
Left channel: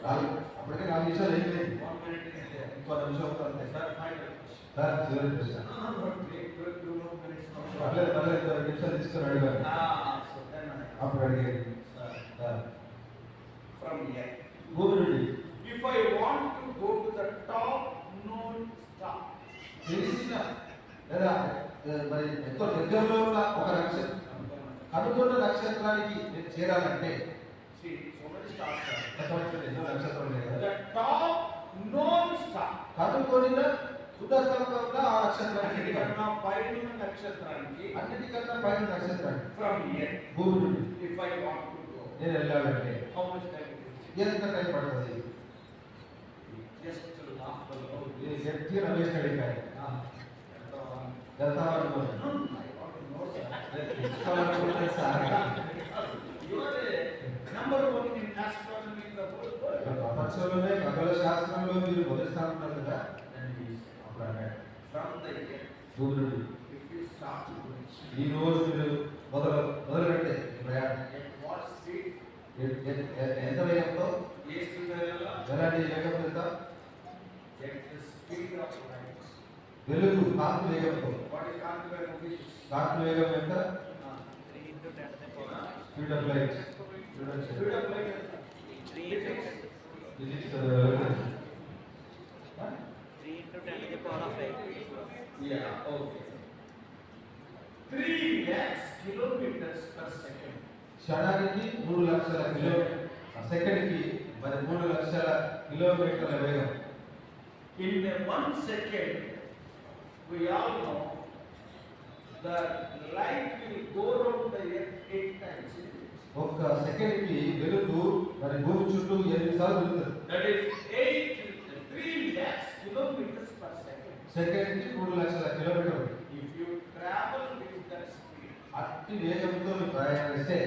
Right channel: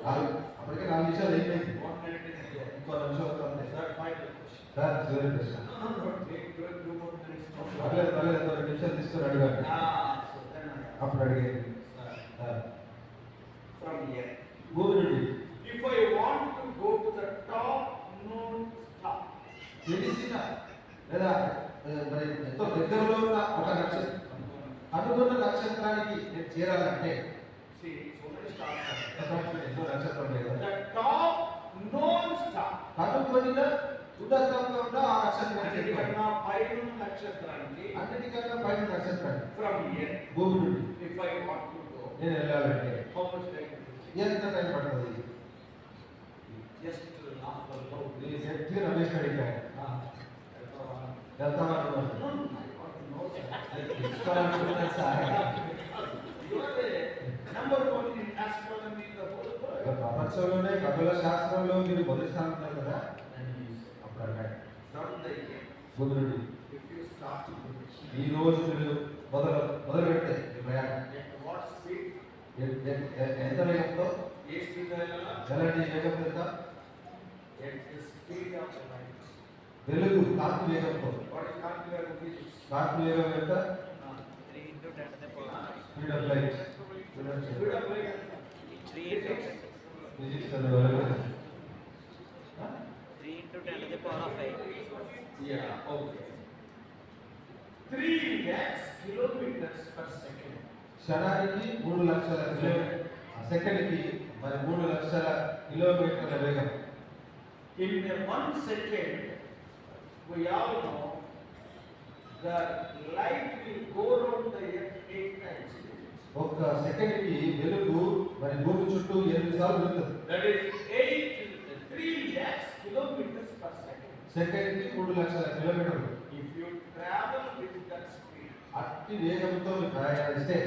అప్పటికే 4 నిమిషాలు అయిపోయింది. 1 minute is there. ఇంకో నిమిషం అవుతుంది. Sir, final question. సార్ చివరి ప్రశ్న. Take 2 more minutes. పర్లేదు పర్లేదు 2 నిమిషాలు తీసుకొని అడిగాను. So then I అప్పుడు అడిగాను. asked, సార్ from here, భూమి నుండి if I want to go to the top known star, తెలిసిన లేదా మరి ఎంతో దగ్గరలో ఉన్న ఒక నక్షత్రం కనుగొన్న నక్షత్రానికి నేను చేరాలంటే see, so many stars are there. ఎన్నో నక్షత్రం లేదు. The top known star. కనుగొనిన ఉన్నతంగా ఉన్న ఆ నక్షత్రానికి అన్నిటికన్నా పైన నక్షత్రానికి, అన్నిటికన్నా పైన నక్షత్రానికి from here, భూమి నుండి if I want to go, నేను వెళ్ళాలంటే how much time it will ఎంత టైం పడుతుంది? take? Just half an hour. నేను గట్టిగా రమేష్ అడిగాను. గతవారం No, I want to know, sir. తెలుసుకోవాలనుకుంటే sir You are the number one in astronomy in the whole world. ప్రపంచంలోనే ఖగోళ శాస్త్రంలో మీరు మొదటి స్థానం ఉన్నారు కదా. And he is అప్పుడు అన్నాడు, from the end. భూమి నుండి If you start to do ఈ రోజు మీరు మొదలు పెట్టే ఈ ప్రయాణం at what speed? ఎంత వేగంతో Yes, to the ఎలాంటి వేగం ఎంత? at the speed of light. వెలుగు కాంతి వేగంతో. What is considered physics? కాంతి వేగం ఎంత? Speed of light. Speed of light. Physics. Physics 3 into 10 to the power of 8. Yeah, okay. 3 lakhs kilometers per second. క్షణానికి 3 లక్షల కిలోమీటర్ సెకండ్కి మరి 3 లక్షల కిలోమీటర్ల వేగం. In a 1 second, we all know that light will go around the earth 8 times. ఒక్క సెకండ్కి వెలుగు మరి భూమి చుట్టూ 8 సార్లు తిరుగుతుంది. That is 3 lakhs kilometers per second. సెకండ్కి 3 లక్షల కిలోమీటర్లు. If you travel with that speed, అట్టి వేగంతో మీరు ప్రయాణిస్తే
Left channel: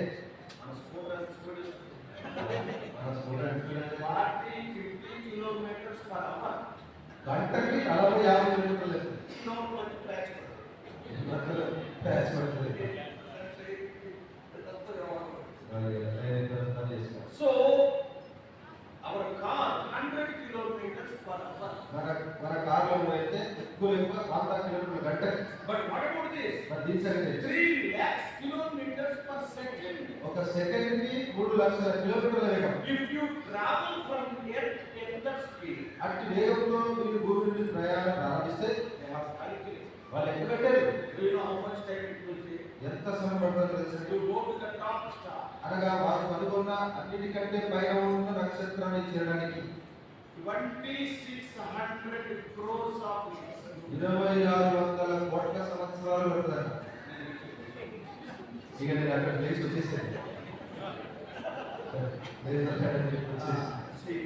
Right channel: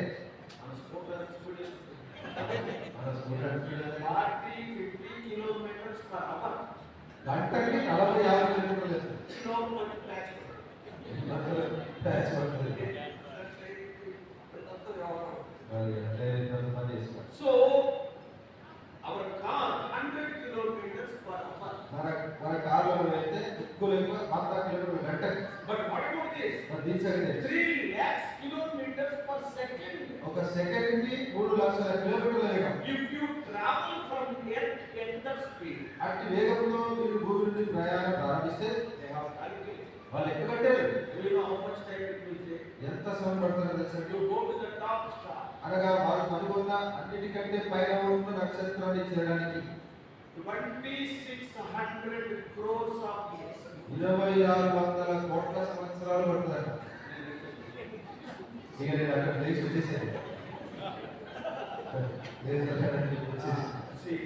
on scooter speed, మన స్టూడెంట్స్ 40-50 kilometers per hour, గంటకి 40-50 కిలోమీటర్లు no one tracks. ప్యాచ్ పడుతుంది. That's మరి దీనికంటే 3 lakhs kilometers per second. ఒక సెకండ్ కి 3 లక్షల కిలోమీటర్ల వేగం. If you travel from earth at that speed, అట్టి వేగంతో మీరు భూమి నుండి ప్రయాణం ప్రారంభిస్తే they have calculated. వాళ్ళు ఎక్కడ కట్టారు? Do you know how much time it will take? ఎంత సమయం పడుతుందో తెలుసా? To go to the top star. అనగా వారు కనుగొన్న అన్నిటికంటే పైన ఉన్న నక్షత్రాన్ని చేరడానికి 2600 crores of years. 2600 కోట్ల సంవత్సరాలు పడుతుందట. ఇక నేను అక్కడ లేచి వచ్చేసాను. See,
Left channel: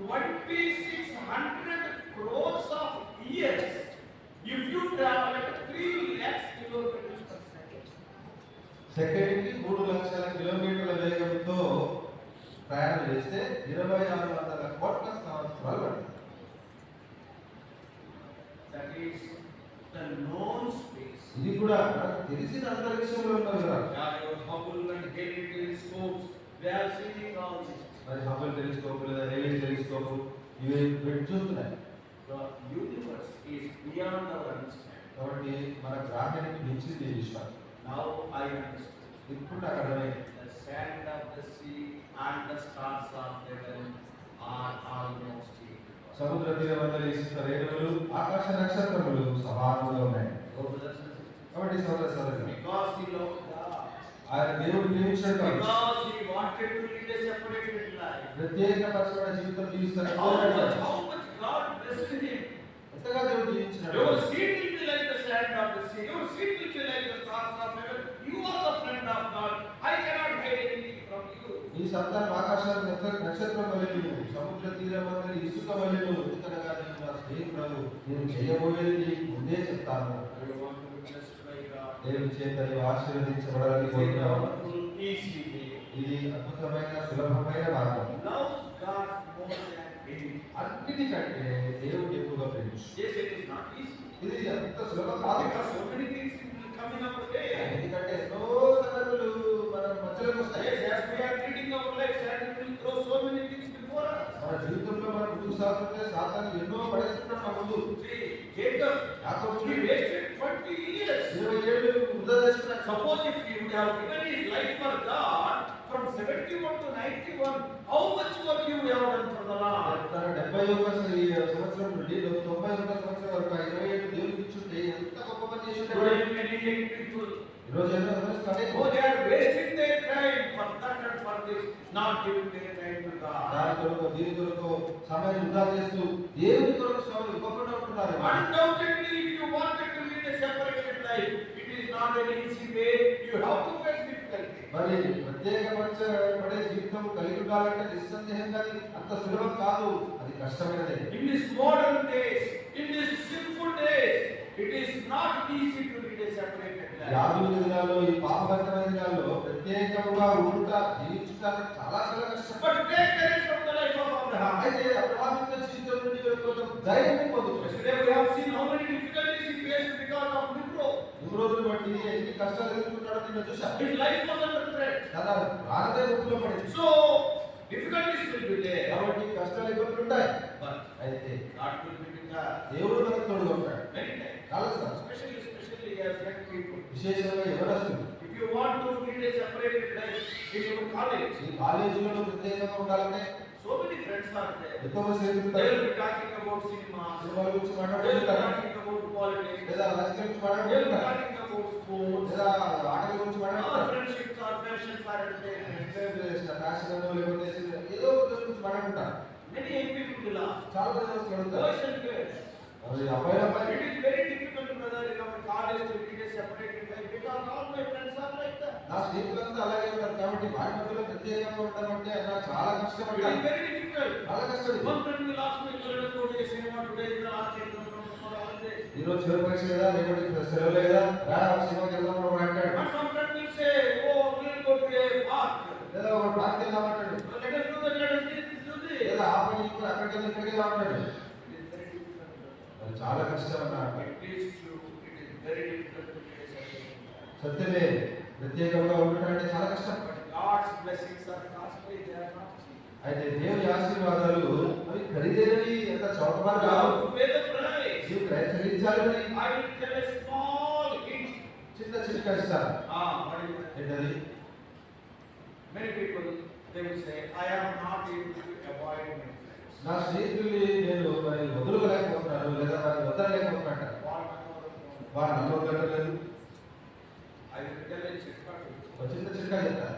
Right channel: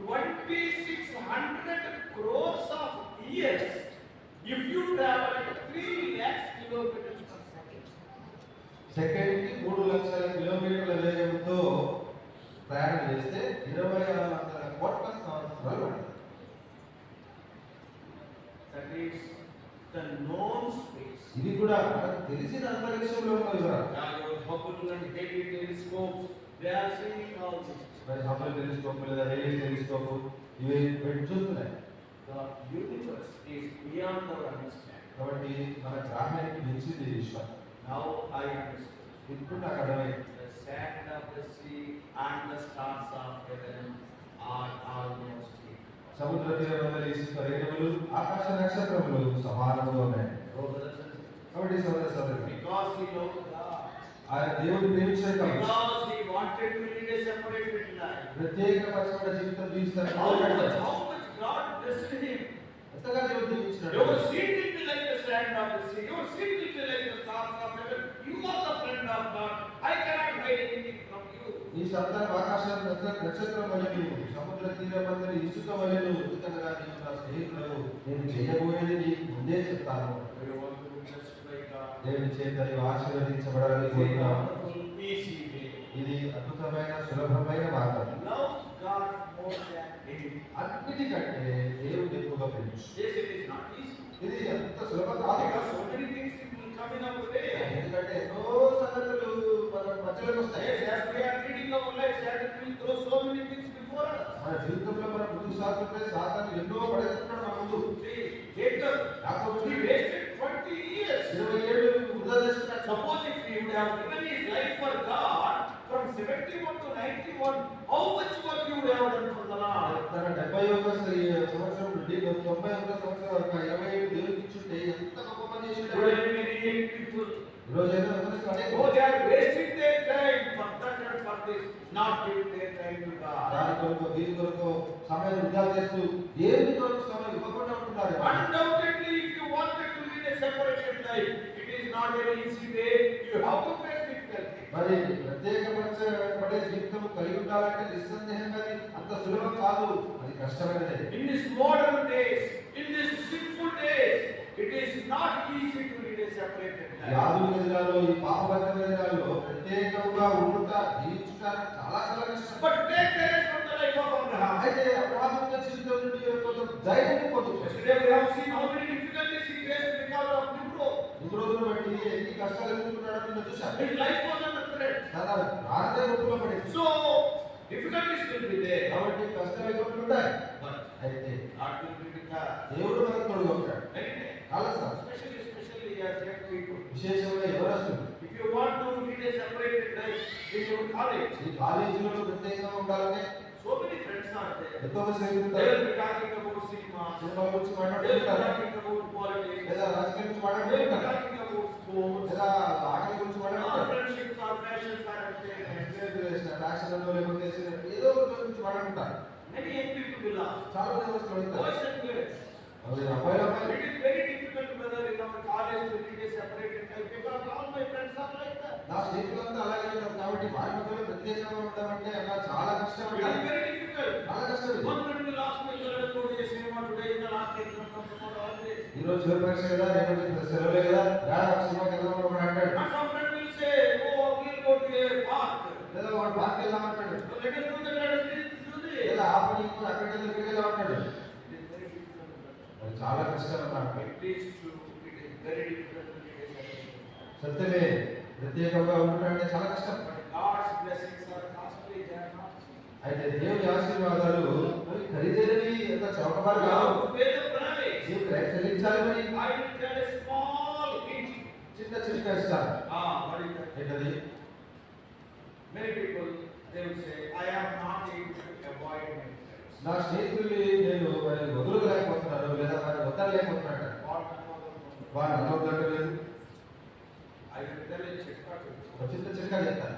2600 crores of years. If you travel at 3 lakhs kilometers per second. Second కి 3 లక్షల కిలోమీటర్ల వేగంతో ప్రయాణం చేస్తే 2600 కోట్ల సంవత్సరాలు పడుతుంది. That is the known space. ఇది కూడా మనకు తెలిసిన అంతరిక్షంలో ఉన్న వివరాలు. Your Hubble and Halley telescopes, they are seeing all this. మరి హబుల్ టెలిస్కోప్ లేదా రేడియో టెలిస్కోప్ ఇవి పెట్టి చూస్తున్నాయి. The universe is beyond our understanding. కాబట్టి మన గ్రహానికి మించింది ఈ విశ్వం. Now I understand. ఇప్పుడు నాకు అర్థమైంది. The sand of the sea and the stars of heaven are almost equal. సముద్ర తీరమందలి ఇసుక రేణువులు ఆకాశ నక్షత్రములు సమానంగా ఉన్నాయి. కాబట్టి సోదర సోదరులు, Because he loved God. ఆయన దేవుడిని ప్రేమించాడు కాబట్టి, Because he wanted to lead a separated life. ప్రత్యేకపరమైన జీవితం జీవిస్తాడు. How much God blessed him. ఎంతగా దేవుడు దీవించాడు. Your seed will be like the sand of the sea. Your seed will be like the stars of heaven. You are the friend of God. I cannot hide anything from you. ఈ సంతానం ఆకాశ నక్షత్రం వలె సముద్ర తీరమందలి ఇసుక వలె ఎందుకనగా నేను నా స్నేహితుడు నేను చేయబోయేది నీకు ముందే చెప్తాను. You want to be blessed by God. దేవుని చేత నీవు ఆశీర్వదించబడాలని కోరుతున్నాను. Easy way. ఇది అద్భుతమైన సులభమైన మార్గం. Love God more than anything. అన్నిటికంటే దేవుడు ఎక్కువగా ప్రేమించు. Yes, it is not easy. ఇది అంత సులభం కాదు. Because so many things will come in our way. ఎందుకంటే ఎన్నో సంగతులు మన మధ్యలోకి వస్తాయి. Yes, as we are leading our life, Satan will throw so many things before us. మన జీవితంలో మనం ముందుకు సాగుతుంటే సాతాను ఎన్నో పడేస్తున్నాడు మన ముందు. See, Jacob, యాకోబు he wasted 20 years. 20 ఏళ్ళు వృధా చేస్తున్నాడు. Suppose if he would have given his life for God from 71 to 91, how much work he would have done for the Lord? తన 71 సంవత్సరం నుండి 91 సంవత్సరం వరకు 20 ఏళ్ళు దేవునికి ఇచ్చుంటే ఎంత గొప్ప పని చేసి ఉంటాడు. Today many young people, ఈ రోజు ఏదో గమనిస్తున్నాడే. oh, they are wasting their time for that and for this, not giving their time to God. దాని కొరకు దీని కొరకు సమయాన్ని వృధా చేస్తూ దేవుని కొరకు సమయం ఇవ్వకుండా ఉంటున్నారు. Undoubtedly, if you wanted to lead a separated life, it is not an easy way. You have to face difficulty. మరి ప్రత్యేకపరచబడే జీవితం కలిగి ఉండాలంటే నిస్సందేహంగా అది అంత సులభం కాదు, అది కష్టమైనదే. In these modern days, in these sinful days, it is not easy to lead a separated ఈ life. ఆధునిక దినాల్లో ఈ పాపబద్ధమైన దినాల్లో ప్రత్యేకంగా ఉండుట జీవించుట చాలా చాలా కష్టం. But take courage from the life of Abraham. అయితే అబ్రహాము యొక్క జీవితం నుండి కొంచెం ధైర్యాన్ని పొందుతాడు. Yesterday we have seen how many difficulties he faced because of Nimrod. నిమ్రోదును బట్టి ఎన్ని కష్టాలు ఎదుర్కొన్నాడో నిన్న చూశాం. His life was under threat. తన ప్రాణమే ముప్పులో పడింది. So, difficulties will be there. కాబట్టి కష్టాలు ఇబ్బందులు ఉంటాయి. But అయితే God will be with us. దేవుడు మనకు తోడుగా ఉంటాడు. Many times. చాలా సార్లు Especially as young people. విశేషంగా ఎవరస్తులు If you want to lead a separated life in your college, ఈ కాలేజీలో ప్రత్యేకంగా ఉండాలంటే so many friends are there. ఎంతో మంది They స్నేహితులు will be talking about cinema. సినిమాల గురించి They will be మాట్లాడుతుంటారు, talking about politics. లేదా రాజకీయం గురించి They will be మాట్లాడుతుంటారు, talking about sports. లేదా ఆటల గురించి మాట్లాడుతుంటారు, Friendships or fashions are there. Fashion లేకపోతే ఏదో ఒక గురించి మాట్లాడుతుంటారు. Many young people will ask, చాలా మంది వస్తూ ఉంటారు. boys and girls, అవి అబ్బాయిలు అమ్మాయిలు it is very difficult, brother, in our college to lead a separated life because all my friends are like that. నా స్నేహితులంతా అలాగే ఉంటారు కాబట్టి మా మధ్యలో ప్రత్యేకంగా ఉండమంటే నాకు చాలా కష్టం It is ఉంటుంది. very difficult. చాలా కష్టం ఇది. One friend will ask me, "Sir, let's go to a cinema today is the last exam from tomorrow holiday." ఈ రోజు చివరి పరీక్ష కదా, రేపు సెలవులే కదా, రా సినిమాకి వెళ్దాం అని కూడా అంటాడు. And some friend will say, "Oh, we'll go to a park. లేదా వాడు పార్క్ వెళ్దాం అంటాడు, So let us do that, let us do this." లేదా ఆ పని ఇప్పుడు అక్కడికి వెళ్దాం ఇక్కడికి వెళ్దాం అంటాడు. It is very difficult. అది చాలా కష్టం అన్నాడు. It is true. It is very difficult to lead a separated life. సత్యమే, ప్రత్యేకంగా ఉండడం అంటే చాలా కష్టం. But God's blessings are costly, they are not cheap. అయితే దేవుని ఆశీర్వాదాలు అవి ఖరీదైనవి, ఎంత చౌకబారు You కాదు. have to pay the price. నీవు చెల్లించాలి. I will tell a small hint చిన్న చిట్కా ఇస్తారు. What is that? ఏంటది? Many people, they will say, I am not able to avoid my friends. నా స్నేహితుల్ని నేను వదులుకోలేకపోతున్నాను లేదా వారిని వదలలేకపోతున్నాను. వారు నన్ను వదలలేదు. I will tell a చిట్కా to you. ఒక చిన్న చిట్కా చెప్తా.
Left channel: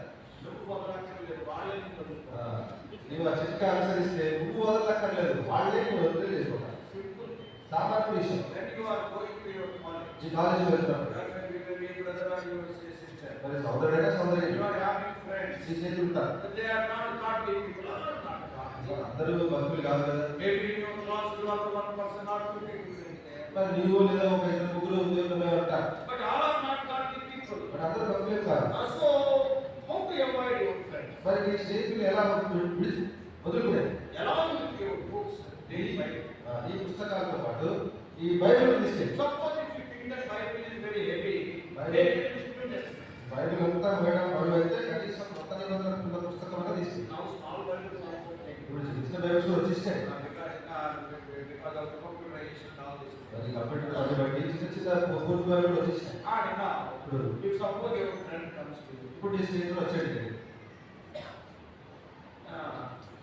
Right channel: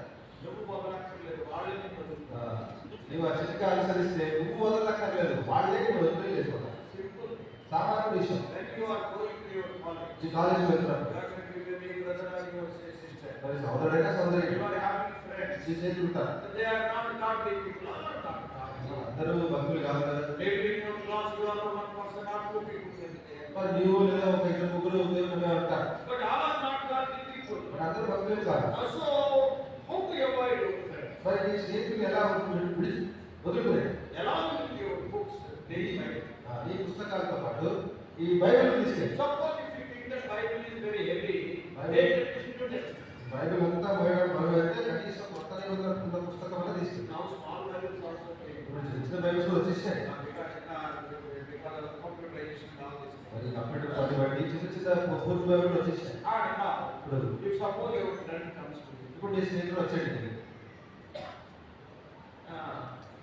నువ్వు వదలక్కర్లేదు, వాళ్ళే నిన్ను వదులుతారు. నువ్వు ఆ చిట్కా అనుసరిస్తే నువ్వు వదలక్కర్లేదు, వాళ్ళే నువ్వు వదిలేదు. Simple. సామాన్య విషయం. When you are going to your college, ఈ కాలేజీకి వెళ్తున్నప్పుడు you will be a brother or you will say sister. మరి సోదరుడైనా సోదరి You are having friends. ఈ స్నేహితులు ఉంటారు. But they are not godly people. Not godly. అందరూ భక్తులు కాదు కదా. Maybe in your class you are the one person or two people in there. మరి నువ్వు లేదా ఒక ఇద్దరు ముగ్గురు ఉద్యోగమే ఉంటారు. But all are not godly people. మరి అందరూ భక్తులు కాదు. So, how to avoid your friends? మరి నీ స్నేహితులు ఎలా వదులుకునే? Along with your books, daily Bible. ఈ పుస్తకాలతో పాటు ఈ బైబిల్ తీసుకెళ్ళి. Suppose if you think that Bible is very heavy, Bible. take it to students. Bible అంతా మోయడం బరువు అయితే కనీసం కొత్త నిబంధన ఉన్న పుస్తకం అన్న తీసుకెళ్ళి. Now small Bibles also take. ఇప్పుడు చిన్న బైబిల్స్ కూడా వచ్చేసాయి. Because of the computerization and all this. మరి కంప్యూటర్ అన్ని బట్టి చిన్న చిన్న పూర్తి బైబిల్ వచ్చేసాయి. ఇప్పుడు If suppose your friend comes to you, ఇప్పుడు నీ స్నేహితులు వచ్చేయండి.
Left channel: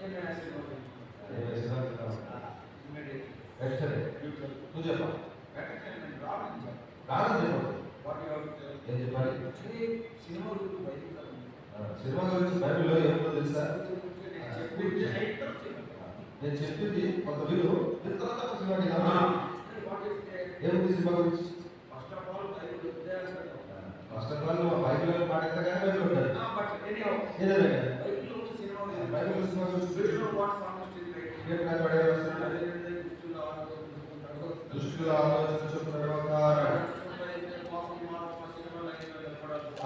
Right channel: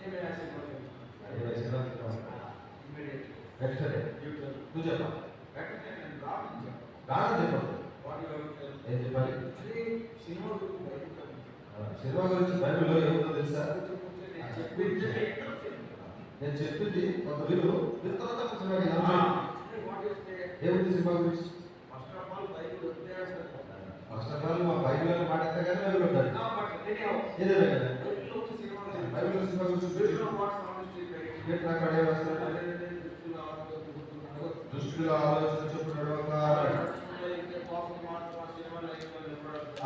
let me ask you one thing. Immediately. వెంటనే You tell. నువ్వు చెప్పా. Better than Robin John. కాదు చెప్పు. What you have to tell? ఏం చెప్పాలి? Actually, cinema గురించి బయటకు రాదు. సినిమా గురించి బైబిల్లో ఏముందో తెలుసా? నేను చెప్పింది ఒక వీరు తర్వాత సినిమాకి ఏముంది సినిమా గురించి? First of all, Bible is there. First of all మా బైబిల్లో పాడితే కానీ బైబిల్ ఉంటుంది. But anyhow, ఏదైనా Bible లో cinema is there. Bible cinema గురించి Do you know what psalmist is writing? ఏ ప్రకారం వస్తుంది? దుష్టుల ఆలోచన చొప్పున నడవక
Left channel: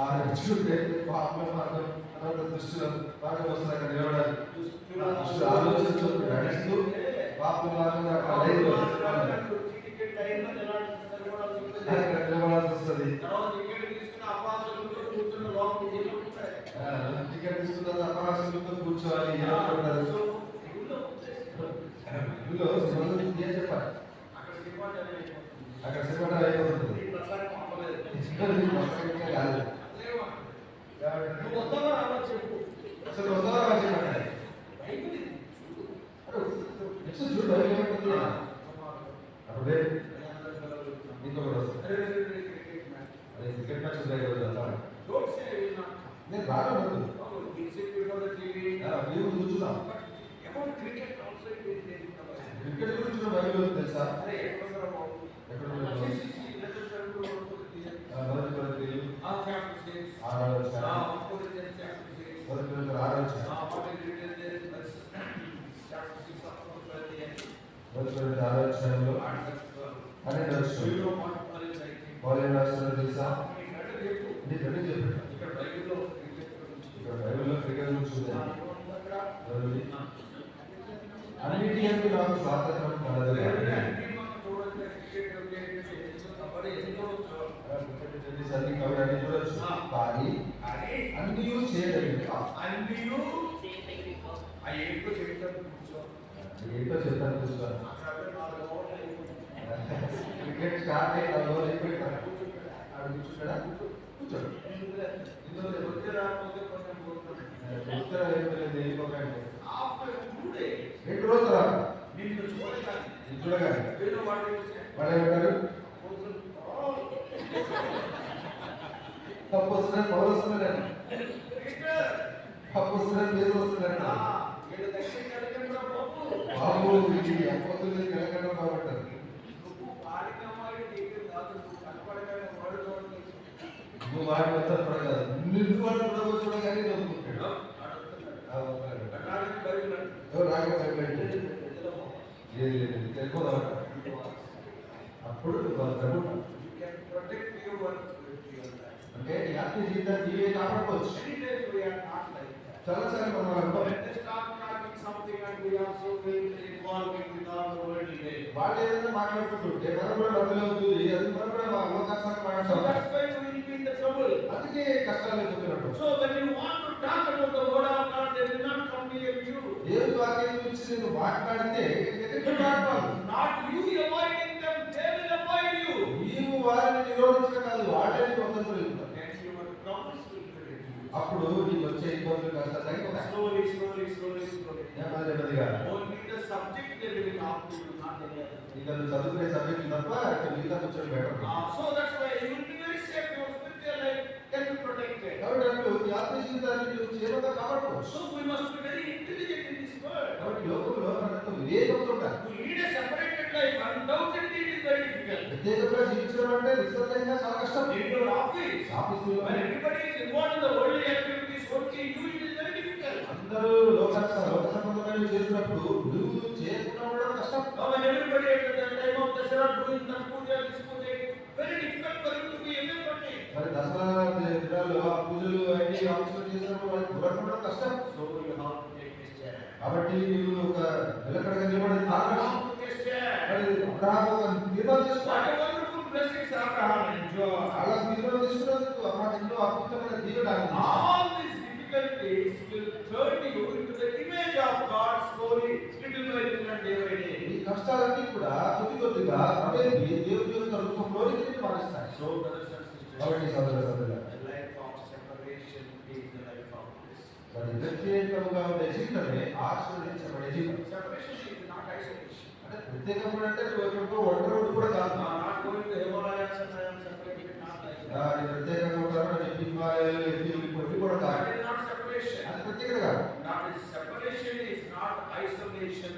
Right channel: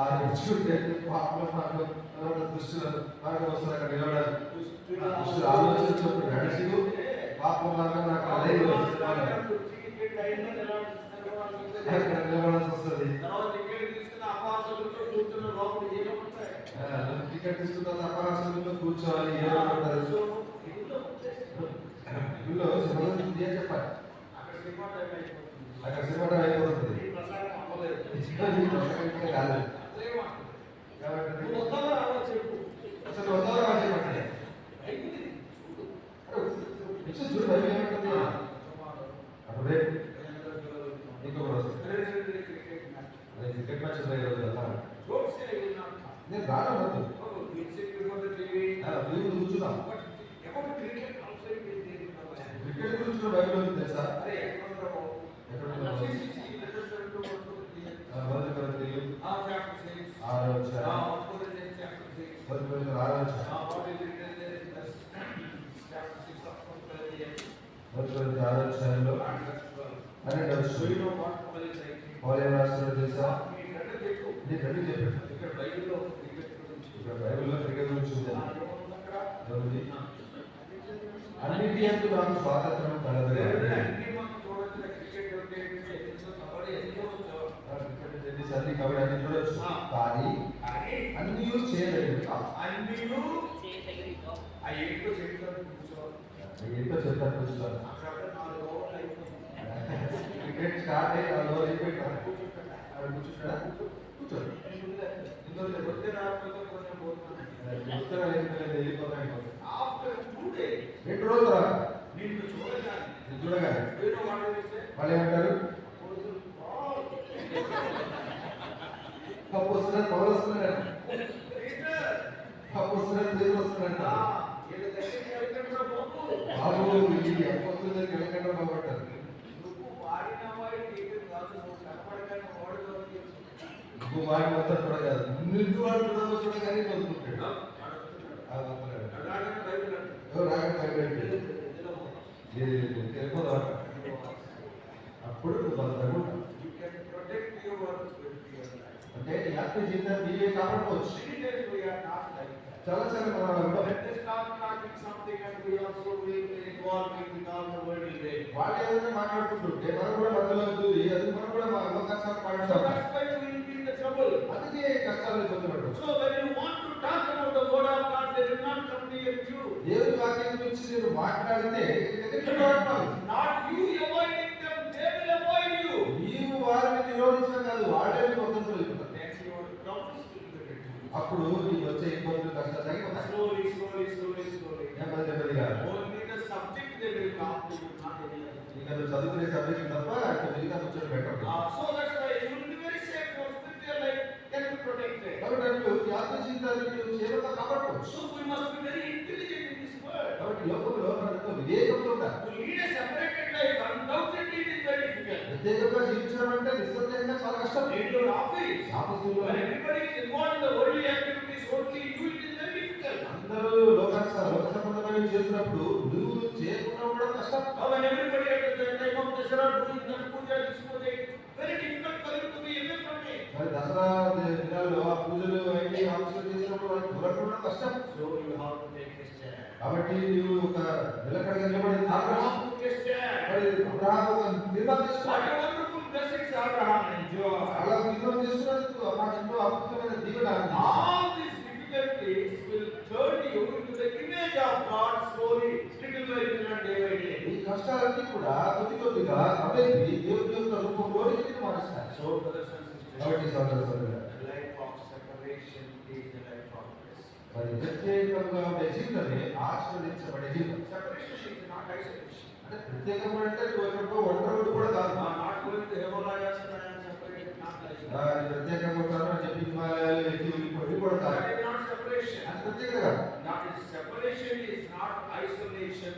ఆ దుష్టుడు పాపల మార్గం తర్వాత దుష్టుల మార్గం వస్తున్న అక్కడ నిలబడాలి. దుష్టుల ఆలోచన చొప్పున నడుస్తూ పాపల మార్గం అక్కడ నిలబడాల్సి వస్తుంది. టికెట్ తీసుకున్న అపహాసంతో కూర్చోవాలి. ఏమంటారు ఇందులో ఏం చెప్పాలి? అక్కడ సినిమా అయిపోతుంది. కాదు అసలు వస్తావా చెప్పండి. చూడు బైబిల్ ఏమంటుంది? అప్పుడే ఇంకొకటి వస్తుంది. అదే క్రికెట్ మ్యాచ్ నేను రాను. నీవు చూస్తున్నావు క్రికెట్ గురించి బైబిల్ ఉంది తెలుసా? ఎక్కడ మొదటి కొరింథీయులు 6వ అధ్యాయం. మొదటి కొరింథీయులు 6వ అధ్యాయం. మొదటి కొరింథీయులు 6వ అధ్యాయంలో 12వ వచనం పౌలు ఏం రాస్తున్నాడో తెలుసా? నీ ఫ్రెండ్కి చెప్పాడు. ఇక్కడ బైబిల్లో క్రికెట్ గురించి ఉంది. అన్నిటి యందు నాకు స్వాతంత్రం కలదు. అన్ని కబడ్డీ అన్ని చూడొచ్చు కానీ అన్ని చేయలేదు. ఏంటో చెప్తాను కూర్చోవాలి. క్రికెట్ స్టార్ట్ అయ్యి 4 ఓవర్లు అయిపోయింటారు. కూర్చుంటాడా? కూర్చోడు. వెళ్ళిపోతాయి. 2 రోజులు తర్వాత చూడగానే వాళ్ళు ఏమంటారు? తప్పు వస్తున్నాడు, పౌరు వస్తున్నాడు, తప్పు వస్తున్నాడు, పేరు వస్తున్నాడు. బాబు ఇది అప్పొస్తుంది తెలంగాణ బాగుంటారు. నువ్వు వాడి మొత్తం చూడగలదు. నిన్ను వాడు చూడగానే చదువుకుంటాడు. అప్పుడు అంటే యాత్ర జీవితాన్ని నీవే కాపాడుకోవచ్చు. చాలాసార్లు మనం వాళ్ళు ఏదైనా మాట్లాడుకుంటుంటే మనం కూడా బదులవుతుంది. అది మనం కూడా అవకాశాలు మాట్లాడతాం. అందుకే కష్టాలు అయిపోతున్నట్టు. దేవుని వాక్యం గురించి నేను మాట్లాడితే నీవు వారిని నిరోధించడం కాదు, వాళ్ళని కొంత better. So that's why you will be very safe. Your spiritual life can be protected. కాబట్టి అట్లు ఈ ఆత్మీయ జీవితాన్ని నీవు క్షేమంగా కాపాడుకోవచ్చు. So we must be very intelligent in this world. కాబట్టి లోకంలో మనతో వివేకంతో ఉండాలి. To lead a separated life, undoubtedly it is very difficult. ప్రత్యేకంగా జీవించడం అంటే నిస్సందేహంగా చాలా కష్టం. In your office, ఆఫీసులో when everybody is involved in the worldly activities, only you, it is very difficult. అందరూ లోక సంబంధమైనవి చేస్తున్నప్పుడు నువ్వు చేయకుండా ఉండడం కష్టం. When everybody at the time of Dasara doing the puja, this puja, it is very difficult for you to be away from it. మరి దసరా దినాల్లో ఆ పూజలు అన్ని ఆఫీసులు చేసినప్పుడు వాళ్ళకి దూరం ఉండడం కష్టం. So you have to take this stand. కాబట్టి నువ్వు ఒక నిలకడగా నిలబడి తాగడం. How to take stand? మరి అబ్రహాము ఒక నిర్ణయం What తీసుకున్నాడు. a wonderful blessings Abraham enjoyed. అలా నిర్ణయం తీసుకున్నందుకు అబ్రహాము ఎన్నో అద్భుతమైన దీవెన అందించాడు. All these difficulties will turn you into the image of God slowly, little by little, day by day. ఈ కష్టాలన్నీ కూడా కొద్ది కొద్దిగా క్రమేపీ దేవుని యొక్క రూపంలోకి నిన్ను మారుస్తాయి. So, brothers and sisters, కాబట్టి సోదర సోదరులారా, the life of separation is the life of bliss. మరి ప్రత్యేకంగా ఉండే జీవితమే ఆశీర్వదించబడే జీవితం. Separation is not isolation. అంటే ప్రత్యేకంగా అంటే నువ్వు ఎక్కడికో ఒంటరి కూడా కాదు. Not going to Himalayas and I am separated, not like that. నేను ప్రత్యేకంగా ఉంటాను చెప్పి హిమాలయాలు ఎత్తి కూడా కాదు. That is not separation. అది ప్రత్యేకత కాదు. Not separation is not isolation.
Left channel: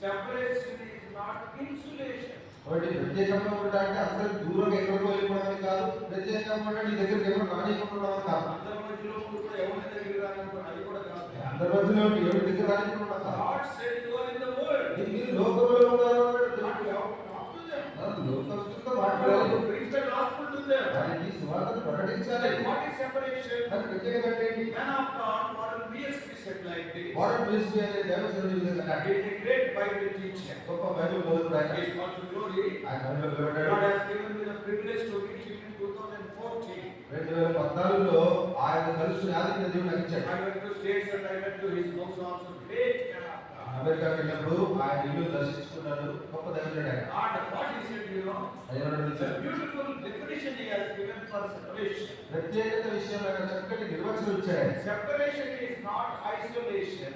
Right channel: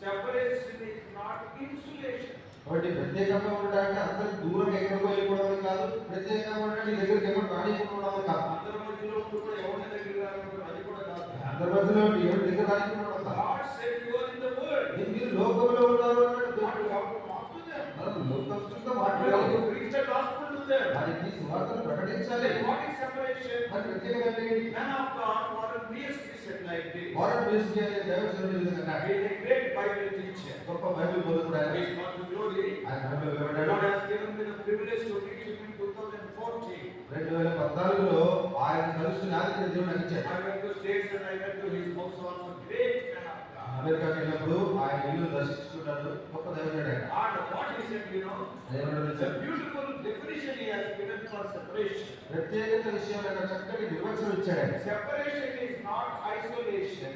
Separation is not insulation. కాబట్టి ప్రత్యేకంగా ఉండడానికి అందరికి దూరంగా ఎక్కడికో వెళ్ళిపోవడం కాదు. ప్రత్యేకంగా ఉండడం నీ దగ్గరికి ఎవరు రానివ్వడం కాదు. అందరి మధ్యలో కూడా ఎవరి దగ్గర రానివ్వడం అది కూడా కాదు. అందరి మధ్యలో ఎవరి దగ్గర రానివ్వడం కాదు. God said you are in the world. మీరు లోకంలో ఉన్నారు అన్నాడు. Not you have to talk to them. లోకస్తులతో You have మాట్లాడాలి. to preach the gospel to them. వారికి సువార్తను ప్రకటించాలి. Then what is separation? మరి ప్రత్యేకత అంటే ఏంటి? Man of God, Warren Wiersbe said like this. Warren Wiersbe అనే దైవజనుడు ఈ విధంగా He is a great Bible teacher. గొప్ప బైబిల్ బోధకుడు ఆయన. He is God to glory. ఆయన బైబిల్ వివరణలో God has given me the privilege to reach him in 2014. 2014లో ఆయన కలుసుకుని ఆదిత్య దేవుడు నాకు ఇచ్చాడు. I went to States and I went to his house also. Great man of God. అమెరికాకి వెళ్ళినప్పుడు ఆయన ఇల్లు దర్శించుకున్నాను. గొప్ప దైవజనుడు ఆయన. And what he said, you know, ఏమన్నాడు it's a తెలుసా? beautiful definition he has given for separation. ప్రత్యేకత విషయంలో ఆయన చక్కటి నిర్వచనం ఇచ్చాడు. Separation is not isolation.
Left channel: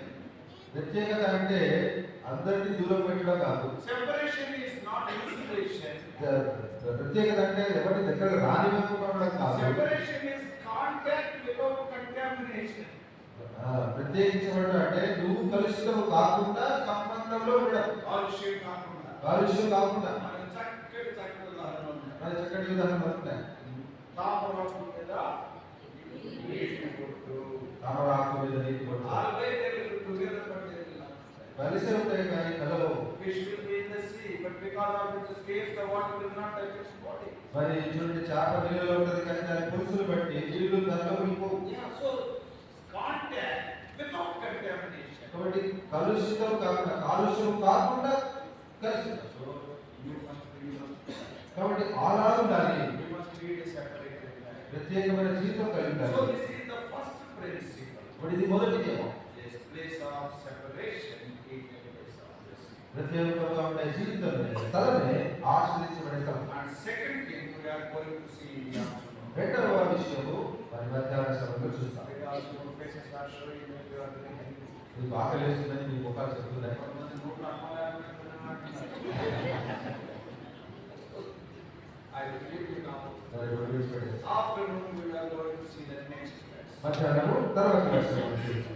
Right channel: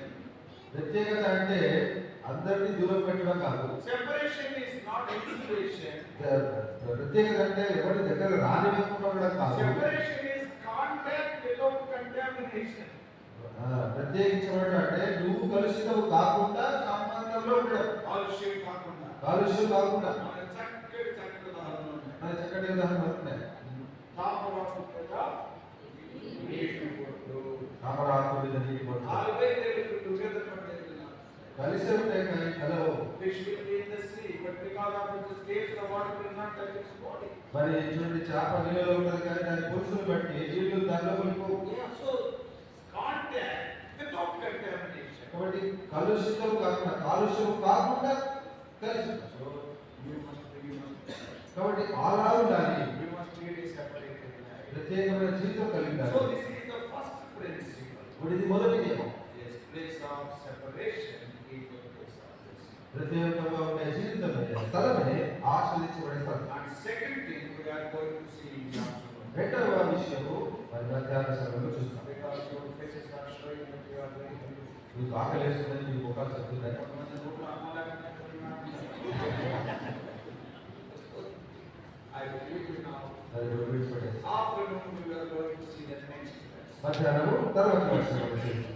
ప్రత్యేకత అంటే అందరినీ దూరం పెట్టడం కాదు. Separation is not insulation. ప్రత్యేకత అంటే ఎవరి దగ్గర రానివ్వకుండా ఉండడం కాదు. Separation is contact without contamination. ప్రత్యేకించబడడం అంటే నువ్వు కలుషితం కాకుండా సంబంధంలో ఉండడం. కాలుష్యం కాకుండా. కాలుష్యం కాకుండా మన చక్కటి ఉదాహరణలు ఉన్నాయి. మన చక్కటి ఉదాహరణలు ఉన్నాయి. తామరాకు మీద నీటి బొట్టు. తామరాకు మీద నీటి బొట్టు. Always they will be together but they will not. కలిసి ఉంటాయి కానీ కలవు. Fish will be in the sea, but because of its escape, the water will not touch its body. మరి ఇటువంటి చేప నీళ్ళలో ఉంటుంది కానీ దాని పురుషులు బట్టి నీళ్లు దానిలో వెళ్ళిపోవు. Yeah, so contact without contamination. కాబట్టి కలుషితం కాకుండా కాలుష్యం కాకుండా కలిసి So you must. కాబట్టి అలా ఉండాలి. You must lead a separated life. ప్రత్యేకమైన జీవితం కలిగి So ఉండాలి. this is the first principle. ఇప్పుడు ఇది మొదటి నియమం. This place of separation is the place of this. ప్రత్యేకంగా ఉండే జీవితం స్థలమే ఆశ్రయించబడే స్థలం. And second thing we are going to see in the afternoon. రెండవ విషయము మరి మధ్యాహ్న సమయంలో చూస్తాం. Because your faces are showing that you are very happy. మీకు ఆకలి వేస్తుందని మీ ముఖాలు చెప్తున్నాయి. కొంతమంది ముఖం అమ్మలాగానే I will leave you now. సరే విడిచిపెట్టేసి Afternoon we are going to see the next place. మధ్యాహ్నము తర్వాత దర్శనం చేస్తాం.